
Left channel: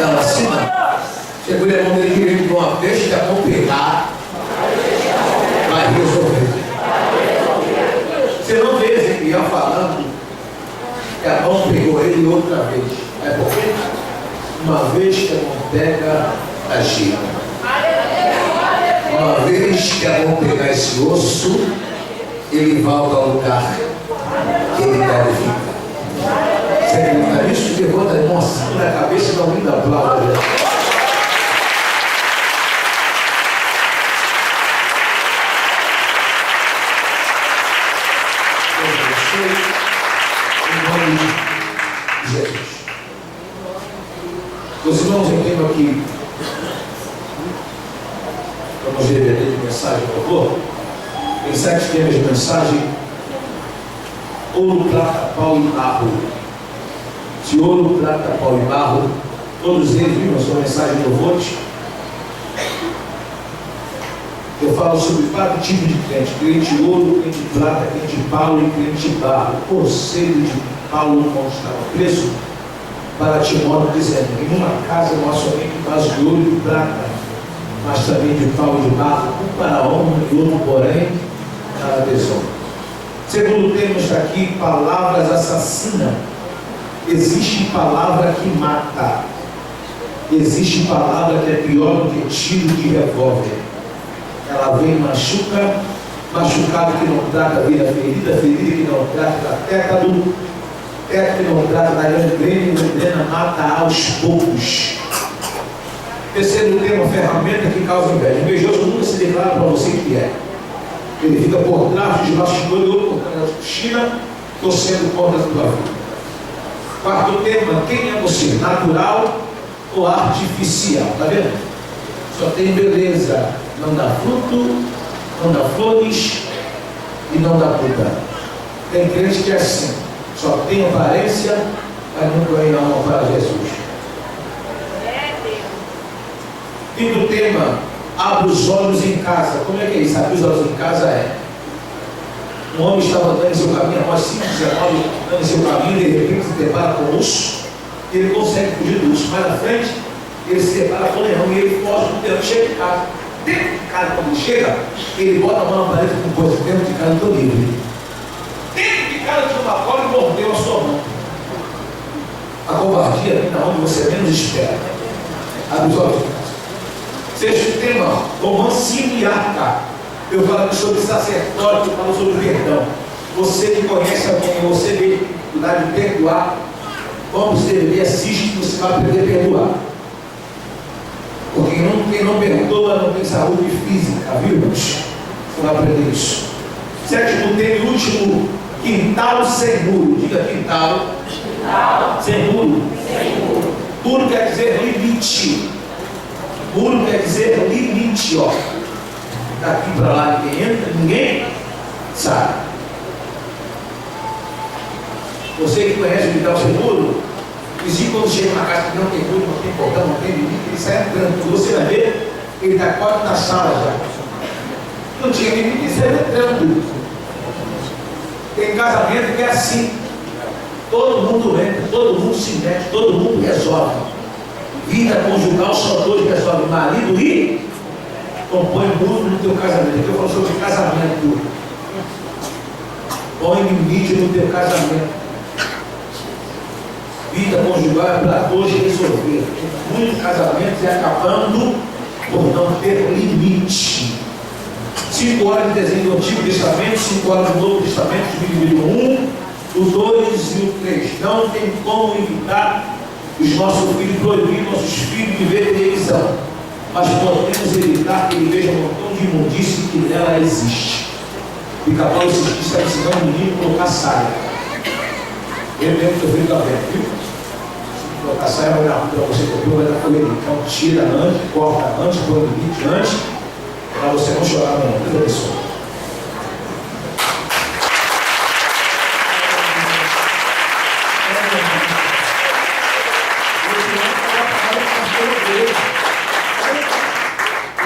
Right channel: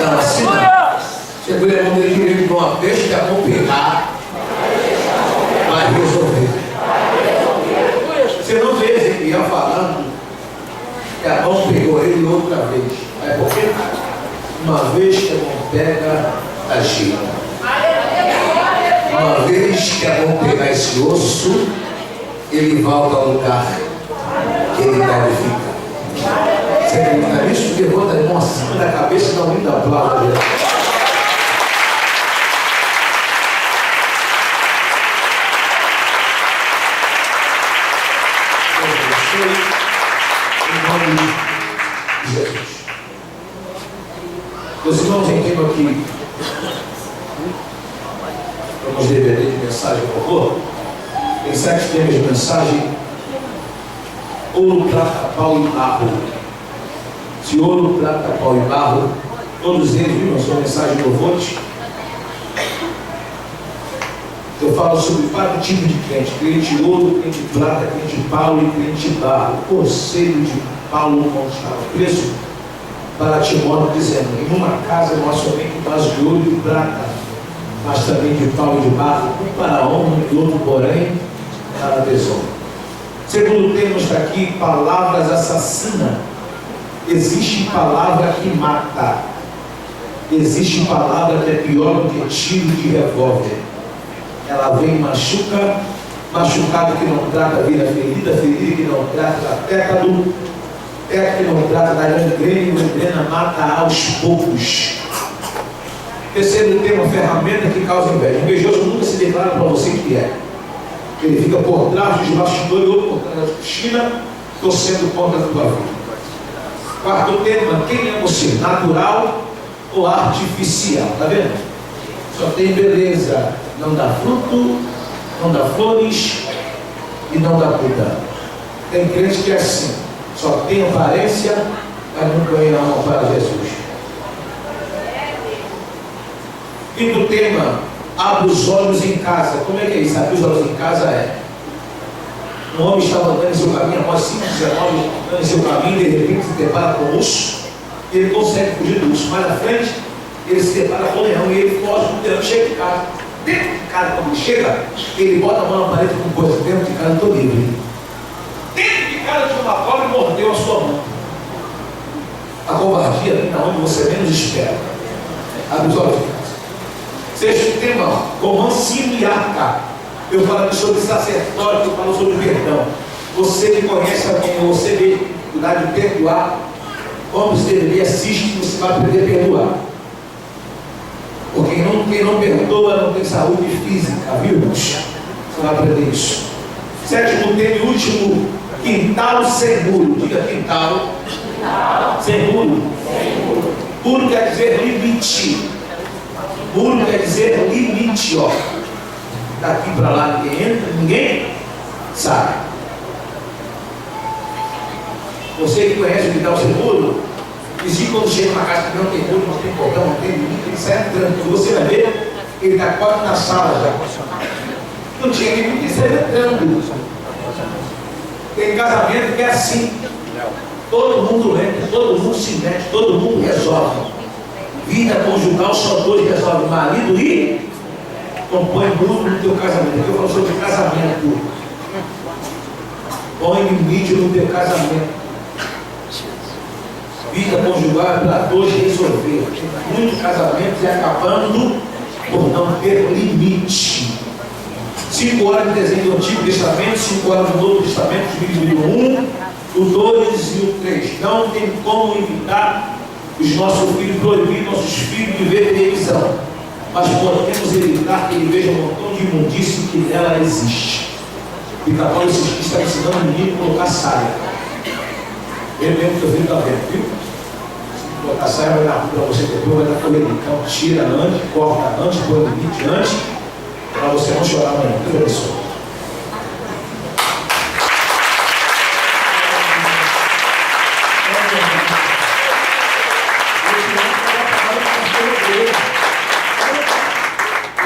Não, assim não. Segura a mão dele direito, uma vez que a mão pegar, vai resolver. Você não vê Ezequiel falando que a mão pegou ele outra vez. É porque uma vez que a mão pega, agiu. Uma vez que a mão pegar esse osso, ele volta ao lugar que ele deve ficar. na cabeça e não me dá aplauso. Em nome de Jesus. Meus irmãos, entendam aqui. Vamos DVD de mensagem, por favor. Tem 7 temas de mensagem: ouro, prata, pau e barro. Se ouro, prata, pau e barro, todos eles viram a sua mensagem de louvores. Eu falo sobre 4 tipos de crente: crente ouro, crente prata, crente pau e crente barro. O conselho de Paulo quando estava preso para Timóteo, dizendo: em uma casa não há somente vaso de ouro e de prata, mas também de pau e de barro, um para a honra e outro, porém, para a desonra. Segundo tema está aqui: palavras assassinas. Existe palavra que mata. Existe palavra que é pior do que tiro de revólver. Ela vem e machuca, machucado que não trata vira ferida, ferida que não trata da tétano, tétano que não trata da gangrena, gangrena mata aos poucos. Terceiro tema: ferramenta que causa inveja. O invejoso nunca se declara para você que é. Ele fica por trás dos bastidores, outro por trás da cortina, torcendo contra a tua vida. Quarto tema: quem é você? Natural ou artificial? Está vendo? Só tem beleza, não dá fruto, não dá flores e não dá fruta. Tem crente que é assim, só tem aparência, mas não ganha alma para Jesus. Quinto tema: abre os olhos em casa. Como é que é isso? Abrir os olhos em casa é: um homem estava andando em seu caminho, após 5, 19, andando em seu caminho, de repente se depara com o urso, e ele consegue fugir do urso. Mais na frente, ele se depara com o leão, e ele foge do leão e chega em casa. Dentro de casa, quando ele chega, ele bota a mão na parede com coisa. Dentro de casa, eu estou livre. Dentro de casa tinha uma cobra e mordeu a sua mão. A covardia vem na onde você menos espera. Abre os olhos em casa. Sexto tema: romance e arca. Eu falo aqui sobre sacerdote, eu falo sobre perdão. Você que conhece alguém, você tem dificuldade de perdoar, como você assiste, você vai aprender a perdoar. Porque quem não perdoa não tem saúde física, viu? Você vai aprender isso. Sétimo tema e último: quintal sem muro. Diga quintal. Sem muro. Muro quer dizer limite. Muro quer dizer limite, ó. Daqui para lá ninguém entra, ninguém sai. Você que conhece o quintal sem muro, vizinho quando chega na casa que não tem muro, não tem portão, não tem limite, ele sai entrando. Você vai ver, ele está quase na sala já. Não tinha limite, ele sai entrando. Tem casamento que é assim. Todo mundo entra, todo mundo se mete, todo mundo resolve. Vida conjugal só dois resolvem: marido e compõe muro no teu casamento. Aqui eu falo sobre casamento. Põe limite no teu casamento. Vida conjugal é para dois resolver. Muitos casamentos é acabando por não ter limite. 5 horas de desenho do Antigo Testamento, 5 horas do Novo Testamento, dividido em 1, o 2 e o 3. Não tem como evitar os nossos filhos, proibir nossos filhos de ver televisão, mas podemos evitar que ele veja um montão de imundície que nela existe. Pica-pau esses dias está ensinando o menino a colocar saia. Eu mesmo que eu filho está vendo, viu? Se colocar saia vai dar para você comer, vai dar correria. Então tira antes, corta antes, põe o limite antes, para você não chorar amanhã. Deus abençoe.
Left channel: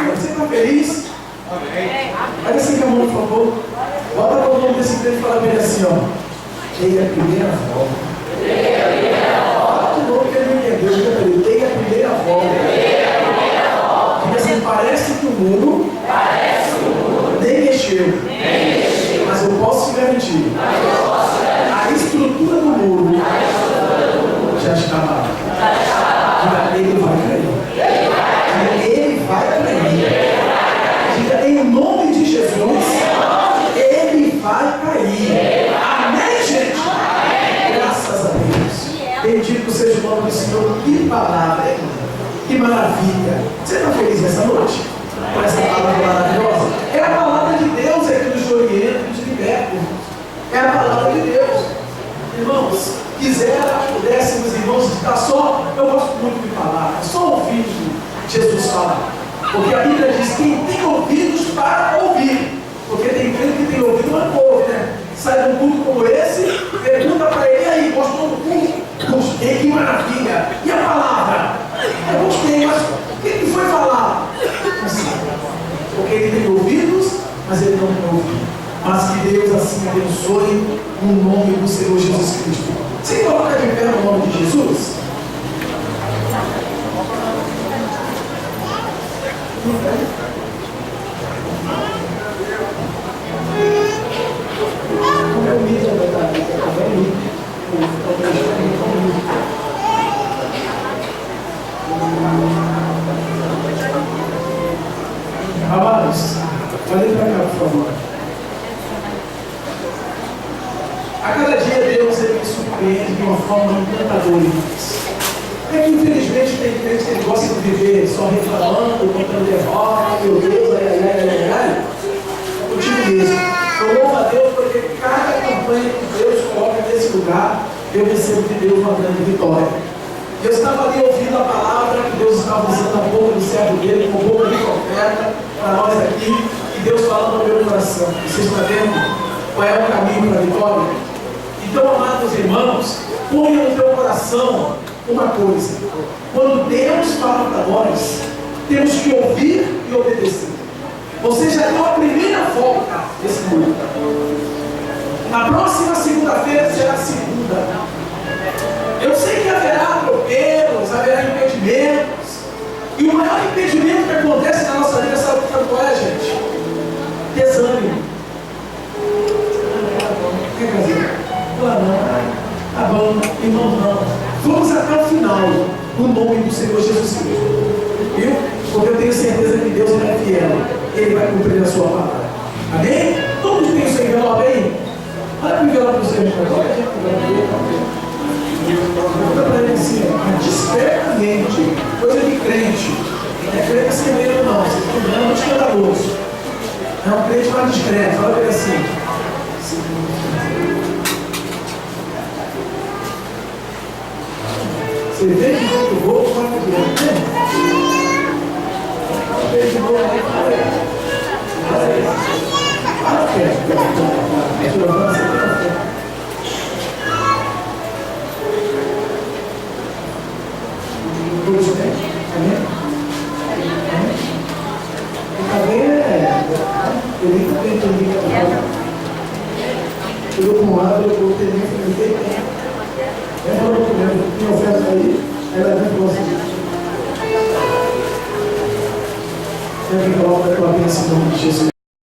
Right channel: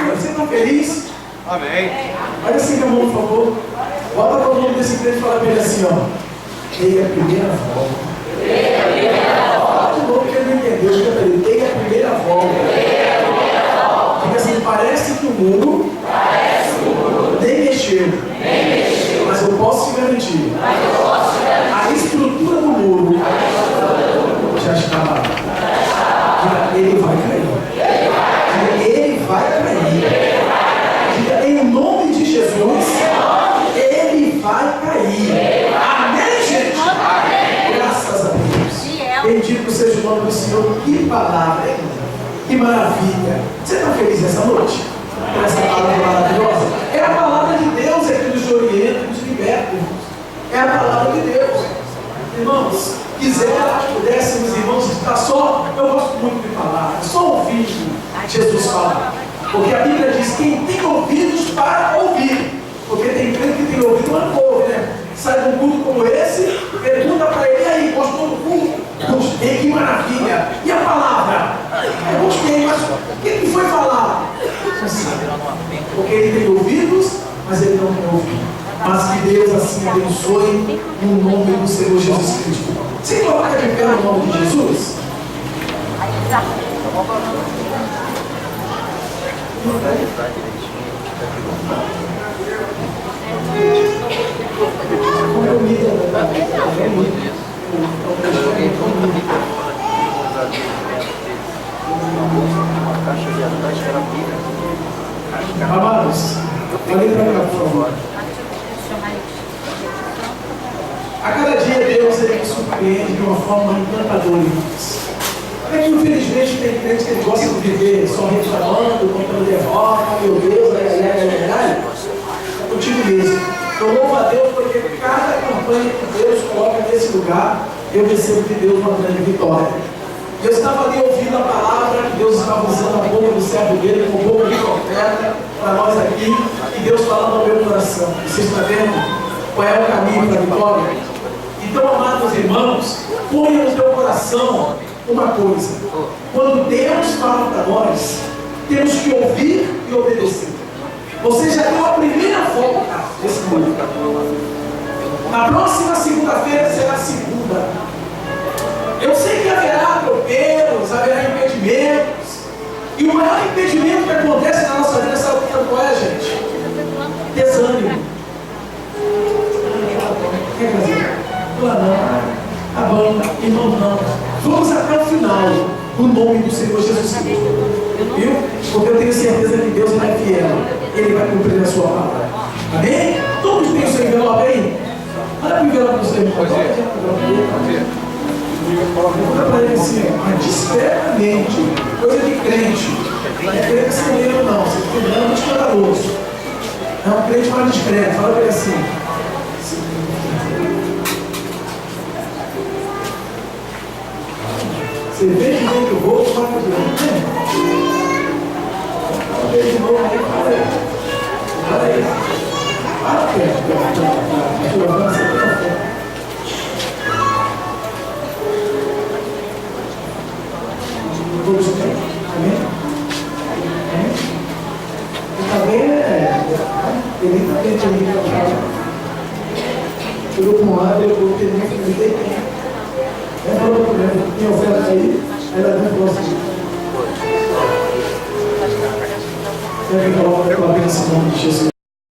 Você está feliz? Amém. Olha assim, meu amor, por favor. Bota para o nome desse crente e fala para ele assim, ó: dei a primeira volta. Fala de novo que ele não entendeu. Diga para ele: dei a primeira volta. Diga assim: parece que o mundo nem mexeu. Mas eu posso te garantir: a estrutura do muro já está lá. Diga: ele vai cair. Ele vai cair. Diga: em nome de Jesus, ele vai cair. Amém, gente? Graças Bendito seja o nome do Senhor. Que palavra, hein? Que maravilha. Você está feliz nessa noite? Com essa palavra maravilhosa? É a palavra de Deus que nos orienta, nos liberta. É a palavra de Deus. Irmãos, pudéssemos, irmãos, estar só, eu gosto muito de falar, só ouvindo Jesus falar. Porque a Bíblia diz: quem tem ouvidos para ouvir. Porque tem crente que tem ouvido, mas não ouve, né? Sai de um culto como esse, pergunta para ele: e aí, gostou do culto? Gostei, que maravilha. E a palavra? Eu gostei, mas o que foi falado? Porque ele tem ouvidos, mas ele não tem ouvido. Mas que Deus assim abençoe no nome do Senhor Jesus Cristo. Você coloca de pé no nome de Jesus? Amados, olhem para cá, por favor. A cada dia Deus ele me surpreende de uma forma encantadora. É que infelizmente tem crente que gosta de viver só reclamando, contando derrota, meu Deus, eu tive mesmo. Eu louvo a Deus porque cada campanha que Deus coloca nesse lugar, eu recebo de Deus uma grande vitória. Eu estava ali ouvindo a palavra que Deus estava usando a boca do servo dele, com boca de profeta, para nós aqui, e Deus falando ao meu coração. Você está vendo qual é o caminho para a vitória? Então, amados irmãos, ponha no teu coração uma coisa: quando Deus fala para nós, temos que ouvir e obedecer. Você já deu a primeira volta desse mundo. Na próxima segunda-feira será a segunda. Eu sei que haverá atropelos, haverá impedimentos. E o maior impedimento que acontece na nossa vida, sabe qual é, gente? Desânimo. Quer fazer? Não, tá bom, irmão, não. Vamos até o final, no nome do Senhor Jesus Cristo. Viu? Porque eu tenho certeza que Deus é fiel. Ele vai cumprir a sua palavra. Amém? Todos têm o seu envelope aí? Olha para o envelope do seu envelope. Pergunta para ele assim, mas discretamente, coisa de crente. Não é crente acelero, não. Você está lembrando de escandaloso. É um crente mais discreto. Fala para ele assim. Você vê que eu vou, fala para ele. Fala para ele de novo, aí fala aí. Fala aí. Fala perto. Todos bem? Amém? Amém? E também ele também tem que trabalhar. Eu com um lado, eu vou ter que ter tempo. Ela falou para mim, tem oferta aí, ela vem para você. Você vem colocar a bênção em nome de Jesus.